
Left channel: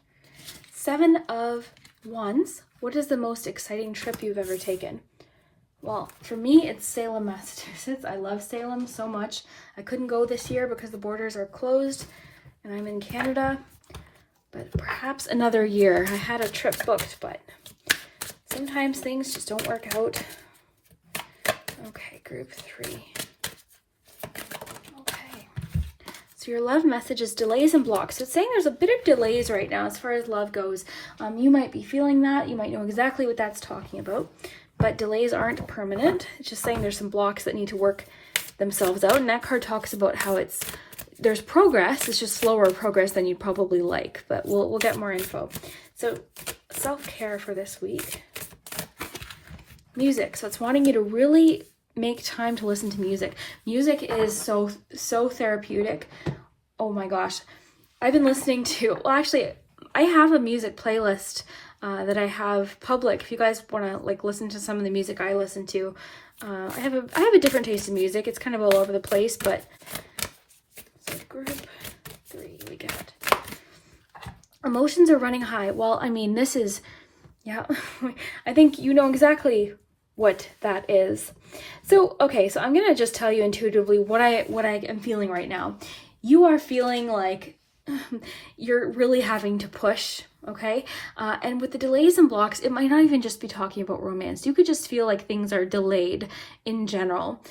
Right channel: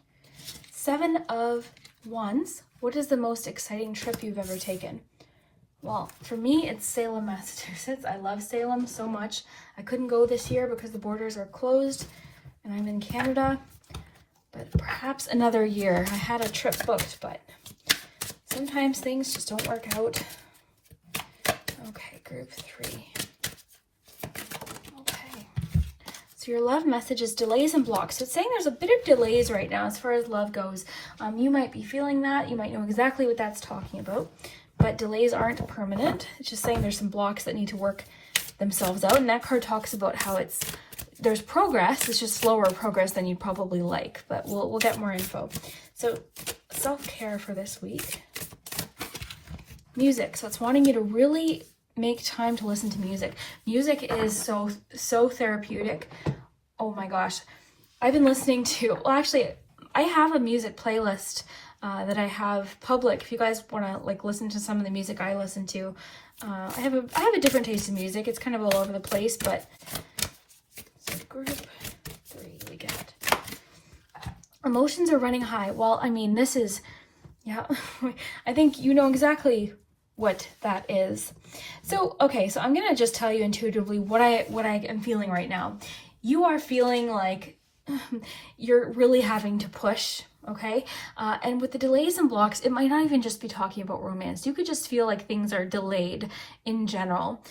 7 of Wands. What is the most exciting trip you've ever taken? Well, for me, it's Salem, Massachusetts. I love Salem so much. I couldn't go this year because the borders are closed and I'm in Canada. but perhaps another year. I had a trip booked, but sometimes things just don't work out. Okay, group 3. Okay. So your love message is delays and blocks. So it's saying there's a bit of delays right now as far as love goes. You might be feeling that. You might know exactly what that's talking about. But delays aren't permanent. It's just saying there's some blocks that need to work themselves out. And that card talks about how there's progress. It's just slower progress than you'd probably like. But we'll get more info. So self-care for this week. Music. So it's wanting you to really make time to listen to music. Music is so therapeutic. Oh my gosh. I've been listening to, well, actually, I have a music playlist that I have public. If you guys want to like listen to some of the music I listen to, I have a different taste in music. It's kind of all over the place, but group 3 we get. Emotions are running high. Well, I mean, this is, yeah, I think you know exactly what that is. So, okay, so I'm going to just tell you intuitively what I am feeling right now. You are feeling like you're really having to push, okay? And with the delays and blocks, it might not even just be talking about romance. You could just feel like things are delayed in general,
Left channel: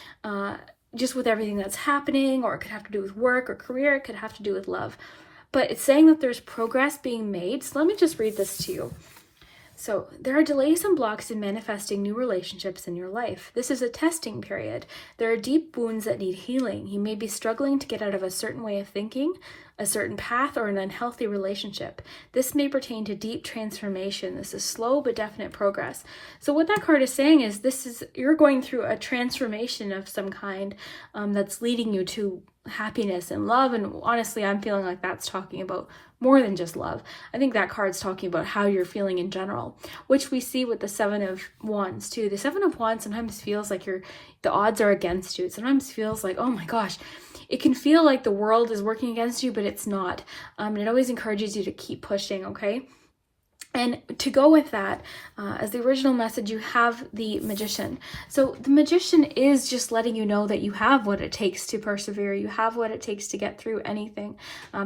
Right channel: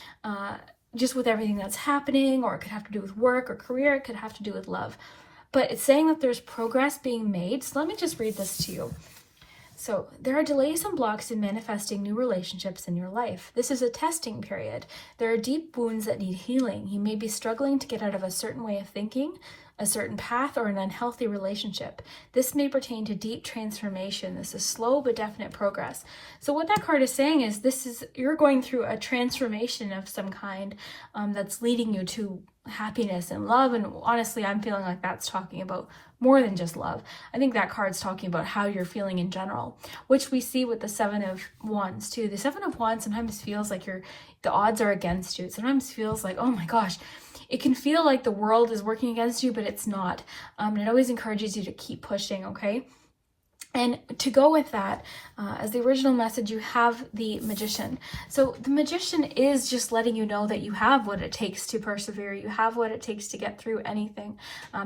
just with everything that's happening, or it could have to do with work or career, it could have to do with love. But it's saying that there's progress being made. So let me just read this to you. So there are delays and blocks in manifesting new relationships in your life. This is a testing period. There are deep wounds that need healing. You may be struggling to get out of a certain way of thinking, a certain path, or an unhealthy relationship. This may pertain to deep transformation. This is slow but definite progress. So what that card is saying is you're going through a transformation of some kind that's leading you to happiness and love. And honestly, I'm feeling like that's talking about more than just love. I think that card's talking about how you're feeling in general, which we see with the 7 of Wands too. The 7 of Wands sometimes feels like the odds are against you. It sometimes feels like, oh my gosh, it can feel like the world is working against you, but it's not. And it always encourages you to keep pushing, okay? And to go with that, as the original message, you have the Magician. So the Magician is just letting you know that you have what it takes to persevere. You have what it takes to get through anything.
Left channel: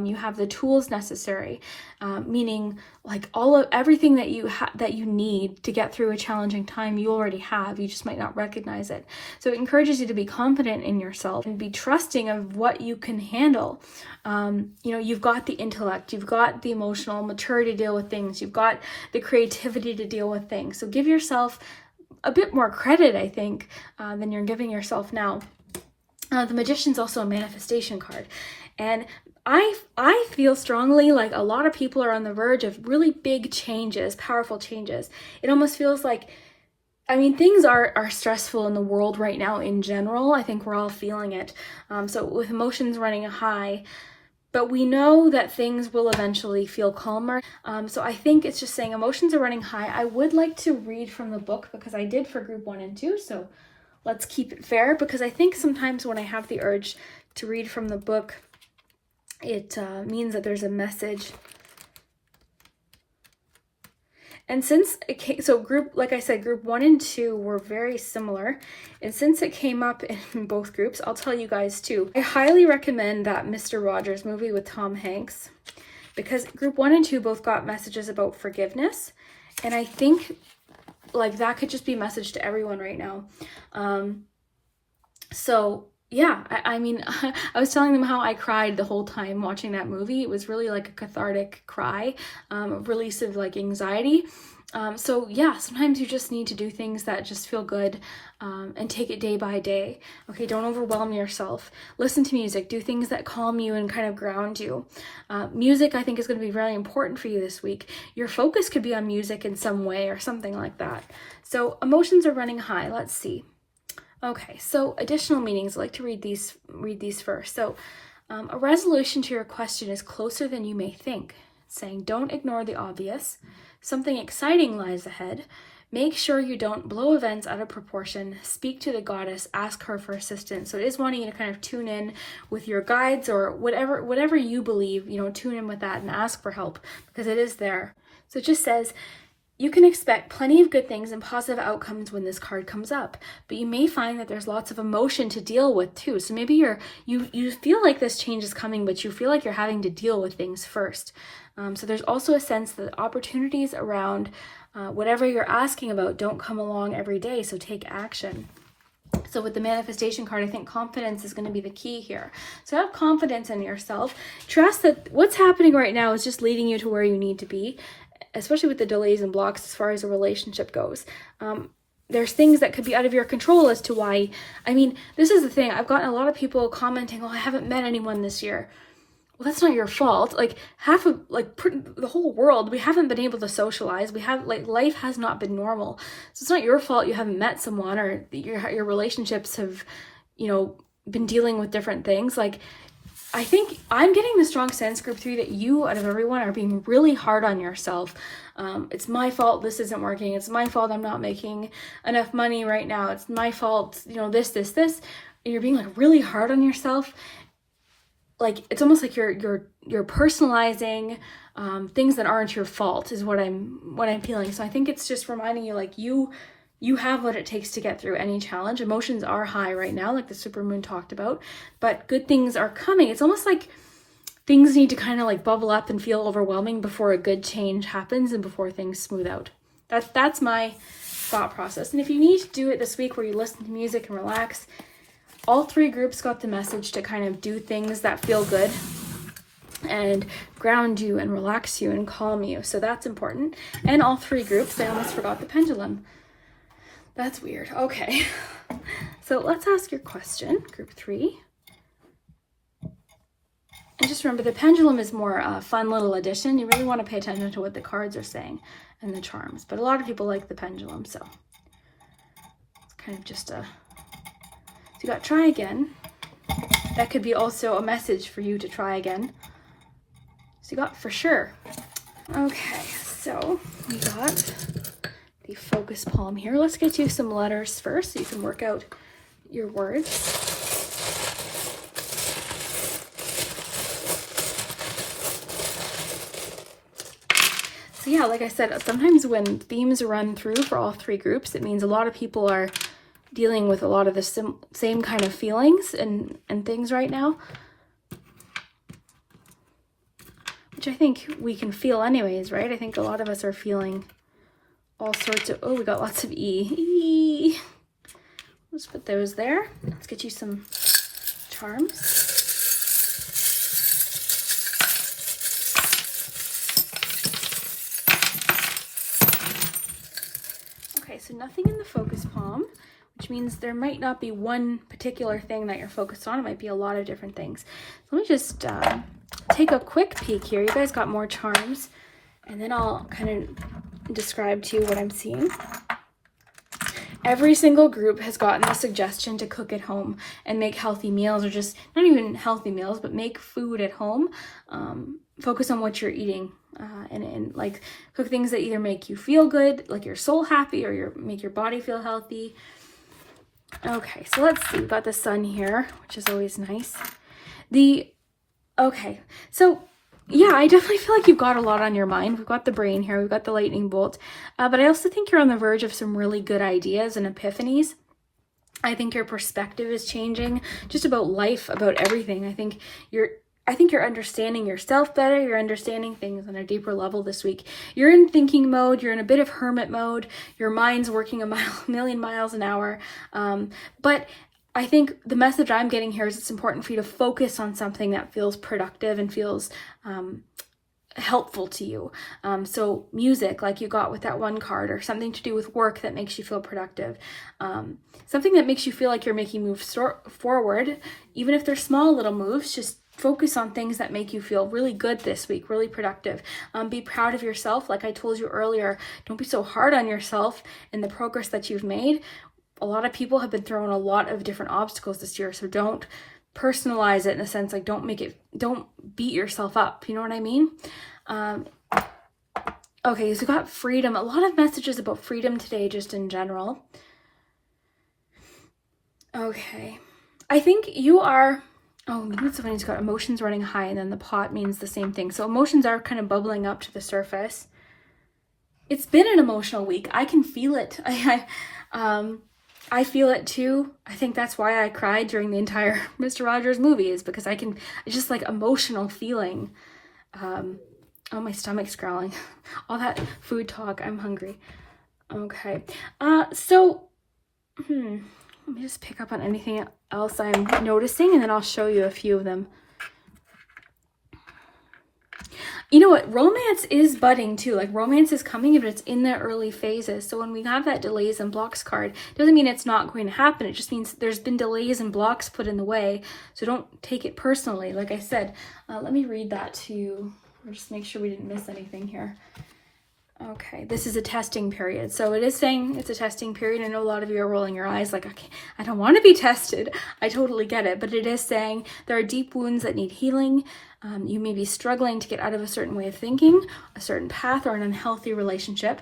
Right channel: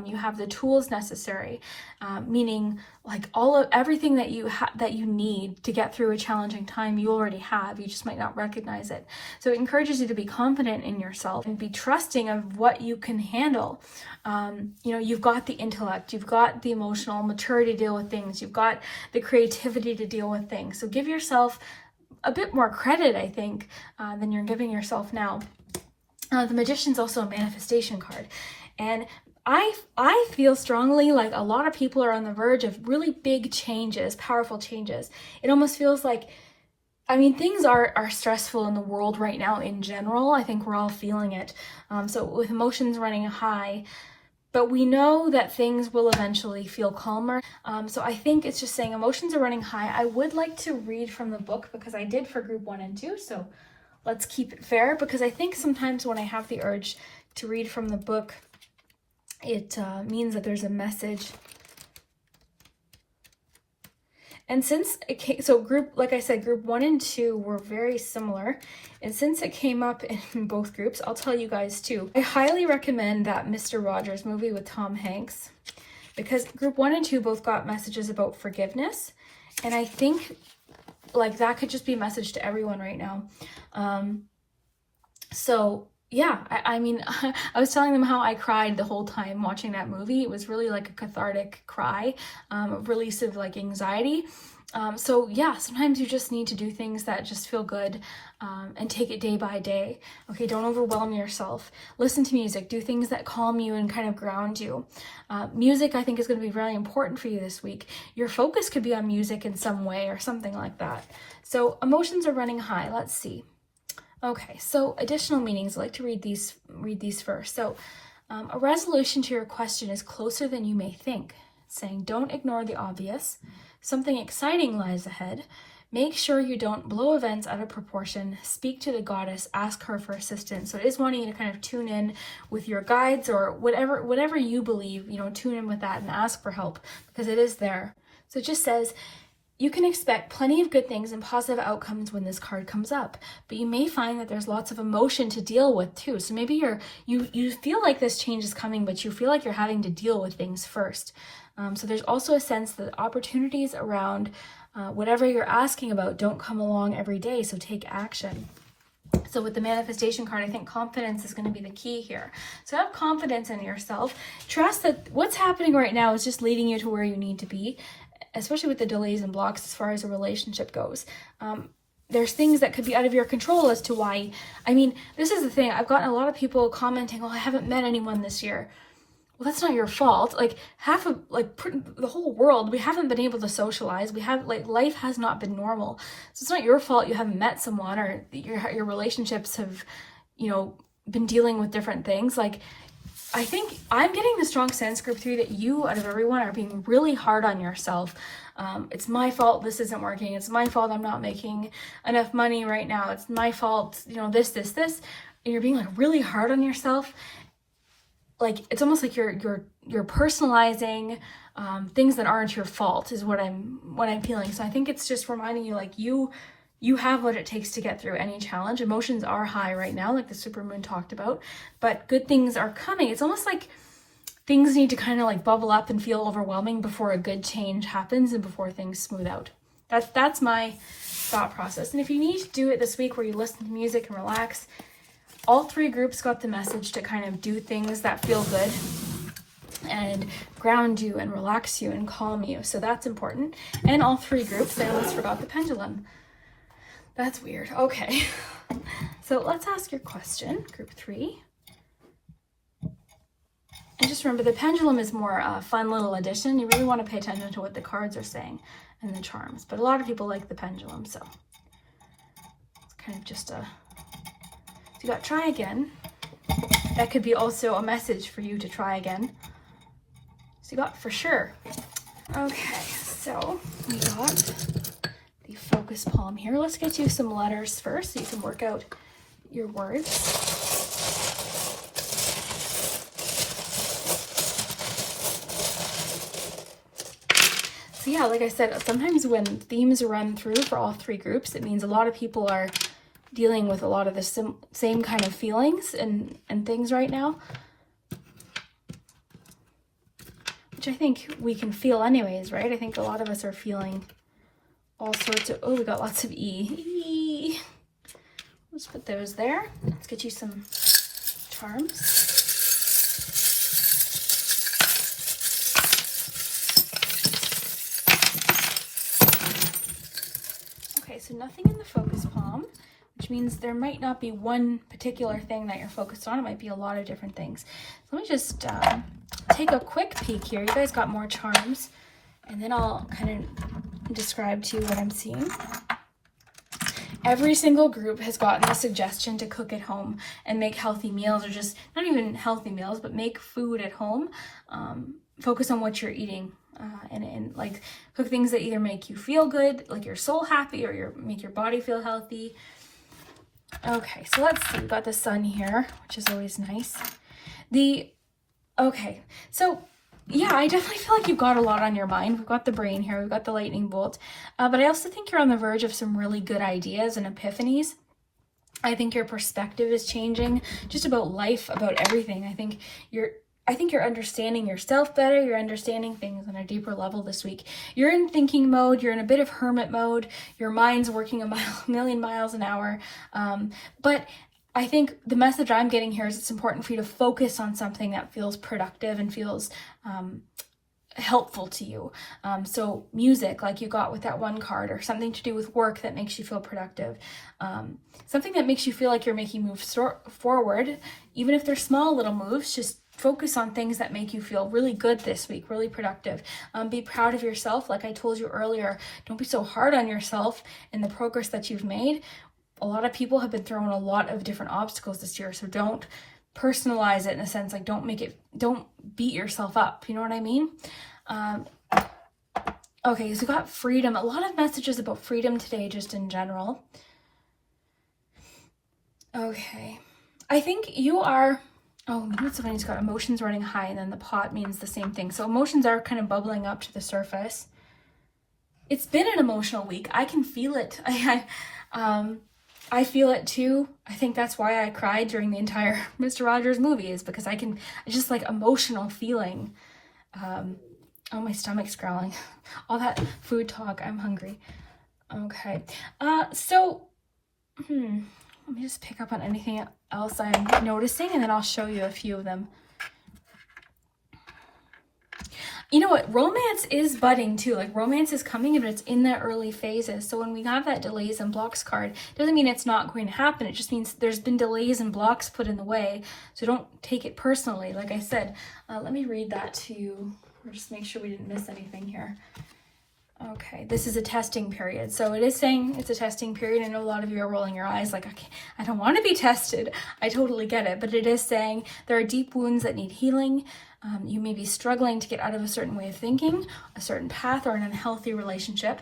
You have the tools necessary, meaning like everything that you need to get through a challenging time, you already have. You just might not recognize it. So it encourages you to be confident in yourself and be trusting of what you can handle. You've got the intellect, you've got the emotional maturity to deal with things, you've got the creativity to deal with things. So give yourself a bit more credit, I think, than you're giving yourself now. The Magician's also a manifestation card. And I feel strongly like a lot of people are on the verge of really big changes, powerful changes. It almost feels like, things are stressful in the world right now in general. I think we're all feeling it. So with emotions running high, but we know that things will eventually feel calmer. So I think it's just saying emotions are running high. I would like to read from the book because I did for group 1 and 2. So let's keep it fair, because I think sometimes when I have the urge to read from the book, it means that there's a message. And since it came, so group 1 and 2 were very similar. And since it came up in both groups, I'll tell you guys too. I highly recommend that Mr. Rogers movie with Tom Hanks, because group 1 and 2 both got messages about forgiveness. And I think like that could just be a message to everyone right now. Yeah, I was telling them how I cried the whole time watching that movie. It was really like a cathartic cry, a release of like anxiety. Sometimes you just need to do things that just feel good, and take it day by day. Okay, don't overwhelm yourself. Listen to music, do things that calm you and kind of ground you. Music, I think, is going to be very important for you this week. Your focus could be on music in some way or something like that. So emotions are running high. Let's see. Okay, so additional meanings. I'd like to read these first. So a resolution to your question is closer than you may think. It's saying don't ignore the obvious. Something exciting lies ahead. Make sure you don't blow events out of proportion. Speak to the goddess, ask her for assistance. So it is wanting you to kind of tune in with your guides or whatever you believe, tune in with that and ask for help, because it is there. So it just says, you can expect plenty of good things and positive outcomes when this card comes up, but you may find that there's lots of emotion to deal with too. So maybe you feel like this change is coming, but you feel like you're having to deal with things first. So there's also a sense that opportunities around whatever you're asking about don't come along every day, so take action. So with the manifestation card, I think confidence is going to be the key here. So have confidence in yourself. Trust that what's happening right now is just leading you to where you need to be, especially with the delays and blocks as far as a relationship goes. There's things that could be out of your control as to why. I mean, this is the thing. I've gotten a lot of people commenting, well, I haven't met anyone this year. Well, that's not your fault. Like the whole world, we haven't been able to socialize. Life has not been normal. So it's not your fault you haven't met someone, or your relationships have, been dealing with different things. Like, I think I'm getting the strong sense, group 3, that you, out of everyone, are being really hard on yourself. It's my fault this isn't working. It's my fault I'm not making enough money right now. It's my fault, this. And you're being really hard on yourself. Like, it's almost like you're personalizing things that aren't your fault is what I'm feeling. So I think it's just reminding you, you have what it takes to get through any challenge. Emotions are high right now, like the supermoon talked about, but good things are coming. It's almost like things need to kind of bubble up and feel overwhelming before a good change happens and before things smooth out. That's my thought process. And if you need to do it this week where you listen to music and relax, all 3 groups got the message to kind of do things that feel good and ground you and relax you and calm you. So that's important. And all 3 groups, I almost forgot the pendulum. That's weird. Okay. So let's ask your question, group 3. And just remember, the pendulum is more a fun little addition. You really want to pay attention to what the cards are saying and the charms. But a lot of people like the pendulum, so it's kind of just a... So you got try again. That could be also a message for you to try again. So you got for sure. Okay, so we got the focus palm here. Let's get you some letters first so you can work out your words. So yeah, like I said, sometimes when themes run through for all 3 groups, it means a lot of people are dealing with a lot of the same kind of feelings and things right now, which I think we can feel anyways, right? I think a lot of us are feeling all sorts of, we got lots of E. Let's put those there. Let's get you some charms. Okay, so nothing in the focus palm, which means there might not be one particular thing that you're focused on. It might be a lot of different things. So let me just take a quick peek here. You guys got more charms, and then I'll kind of describe to you what I'm seeing. Every single group has gotten a suggestion to cook at home and make healthy meals, or just not even healthy meals, but make food at home. Focus on what you're eating, and like cook things that either make you feel good, like your soul happy, or make your body feel healthy. Okay, so let's see. We've got the sun here, which is always nice. Okay, so yeah, I definitely feel like you've got a lot on your mind. We've got the brain here, we've got the lightning bolt, but I also think you're on the verge of some really good ideas and epiphanies. I think your perspective is changing just about life, about everything. I think you're understanding yourself better. You're understanding things on a deeper level this week. You're in thinking mode. You're in a bit of hermit mode. Your mind's working a million miles an hour. But I think the message I'm getting here is it's important for you to focus on something that feels productive and feels helpful to you. So music, like you got with that one card, or something to do with work that makes you feel productive. Something that makes you feel like you're making moves forward, even if they're small little moves. Just focus on things that make you feel really good this week, really productive. Be proud of yourself. Like I told you earlier, don't be so hard on yourself and the progress that you've made. A lot of people have been thrown a lot of different obstacles this year, so don't personalize it in a sense, like don't beat yourself up, you know what I mean? Okay, so we got freedom. A lot of messages about freedom today, just in general. Okay, I think you are, that's funny, it's got emotions running high, and then the pot means the same thing. So emotions are kind of bubbling up to the surface. it's been an emotional week. I can feel it. I feel it too. I think that's why I cried during the entire Mr. Rogers movie, is because it's just like emotional feeling. Oh, my stomach's growling. All that food talk, I'm hungry. Okay. So, let me just pick up on anything else I'm noticing, and then I'll show you a few of them. You know what? Romance is budding too. Like, romance is coming, but it's in the early phases. So when we got that delays and blocks card, doesn't mean it's not going to happen. It just means there's been delays and blocks put in the way. So don't take it personally. Like I said, let me read that to you. Or just make sure we didn't miss anything here. Okay, this is a testing period. So it is saying it's a testing period. I know a lot of you are rolling your eyes like, okay, I don't want to be tested. I totally get it. But it is saying there are deep wounds that need healing. You may be struggling to get out of a certain way of thinking, a certain path, or an unhealthy relationship.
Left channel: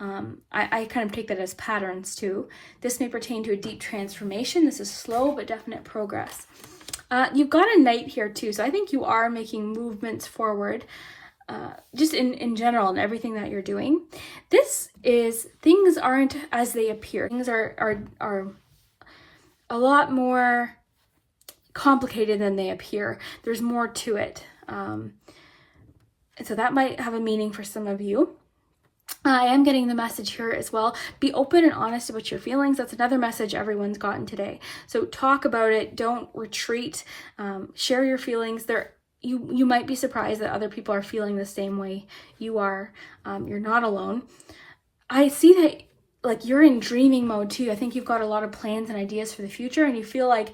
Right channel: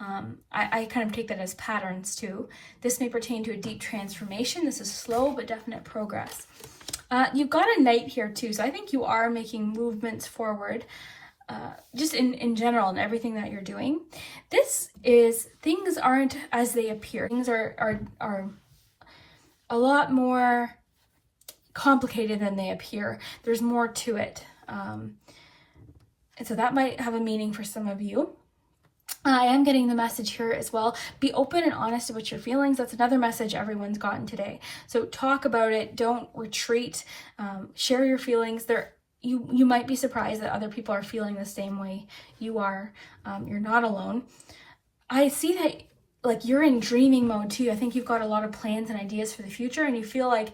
I kind of take that as patterns too. This may pertain to a deep transformation. This is slow but definite progress. You've got a knight here too. So I think you are making movements forward. Just in general and everything that you're doing. This is, things aren't as they appear. Things are a lot more complicated than they appear. There's more to it. And so that might have a meaning for some of you. I am getting the message here as well. Be open and honest about your feelings. That's another message everyone's gotten today. So talk about it. Don't retreat. Share your feelings. You might be surprised that other people are feeling the same way you are. You're not alone. I see that, like, you're in dreaming mode too. I think you've got a lot of plans and ideas for the future, and you feel like,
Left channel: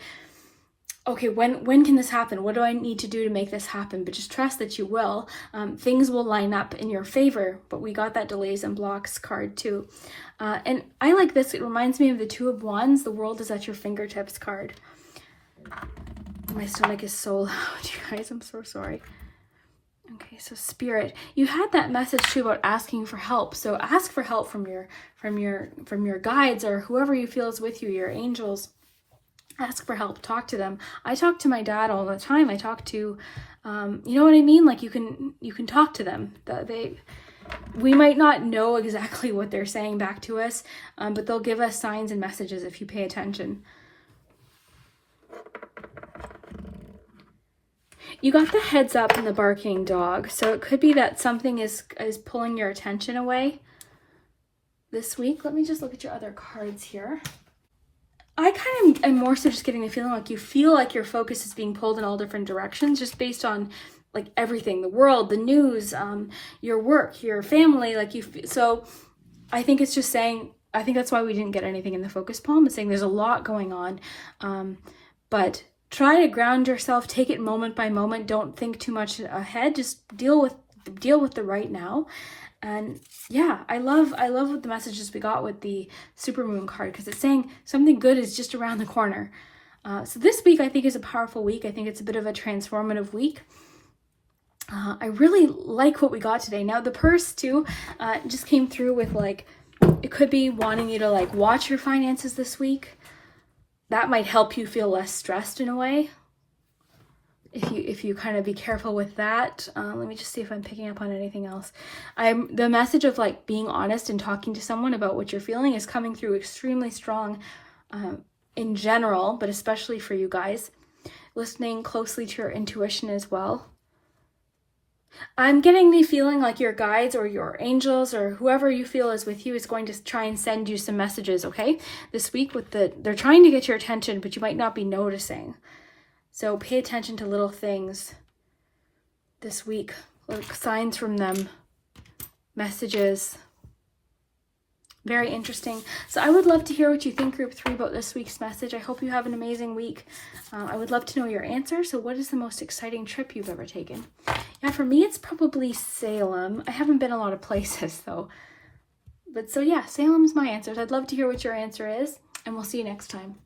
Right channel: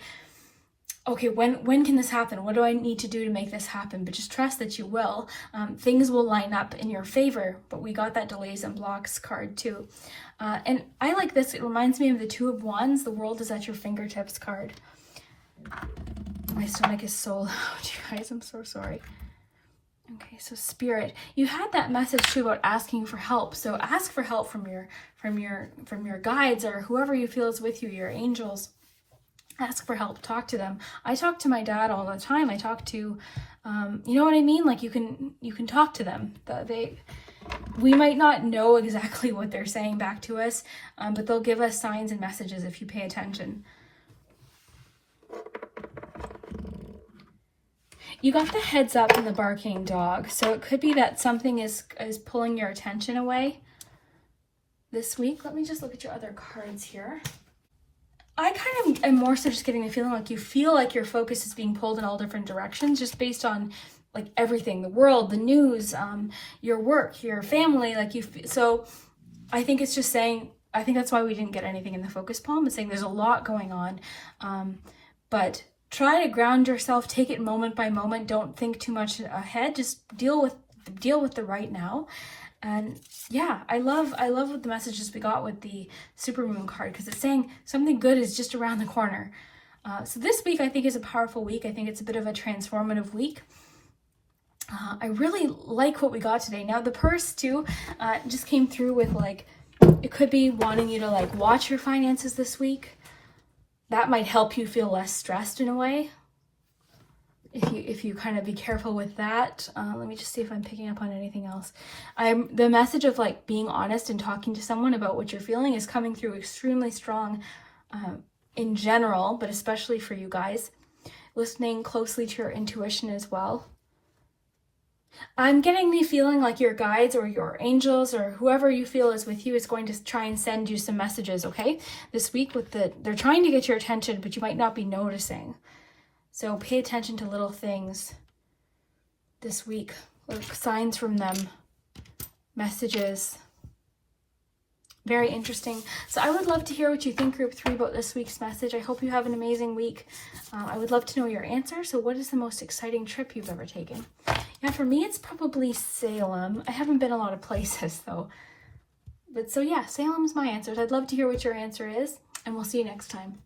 okay, when can this happen? What do I need to do to make this happen? But just trust that you will. Things will line up in your favor, but we got that delays and blocks card too. And I like this. It reminds me of the Two of Wands, the world is at your fingertips card. My stomach is so loud, you guys. I'm so sorry. Okay, so Spirit, you had that message too about asking for help. So ask for help from your guides or whoever you feel is with you, your angels. Ask for help. Talk to them. I talk to my dad all the time. I talk to, you know what I mean? Like, you can talk to them. We might not know exactly what they're saying back to us, but they'll give us signs and messages if you pay attention. You got the heads up and the barking dog. So it could be that something is pulling your attention away this week. Let me just look at your other cards here. I kind of am more so just getting the feeling like you feel like your focus is being pulled in all different directions, just based on like everything, the world, the news, your work, your family, so I think it's just saying, I think that's why we didn't get anything in the focus poem. It's saying there's a lot going on, but try to ground yourself, take it moment by moment. Don't think too much ahead. Just deal with the right now. And yeah, I love what the messages we got with the Supermoon card, because it's saying something good is just around the corner. So this week I think is a powerful week. I think it's a bit of a transformative week. I really like what we got today. Now the purse too just came through with, like, it could be wanting you to like watch your finances this week. That might help you feel less stressed in a way. If you kind of be careful with that. Let me just see if I'm picking up on anything else. The message of like being honest and talking to someone about what you're feeling is coming through extremely strong in general, but especially for you guys. Listening closely to your intuition as well. I'm getting the feeling like your guides or your angels or whoever you feel is with you is going to try and send you some messages, okay? This week they're trying to get your attention, but you might not be noticing. So pay attention to little things this week, like signs from them, messages. Very interesting. So I would love to hear what you think, Group 3, about this week's message. I hope you have an amazing week. I would love to know your answer. So what is the most exciting trip you've ever taken? Yeah, for me, it's probably Salem. I haven't been a lot of places, though. But so yeah, Salem's my answers. I'd love to hear what your answer is, and we'll see you next time.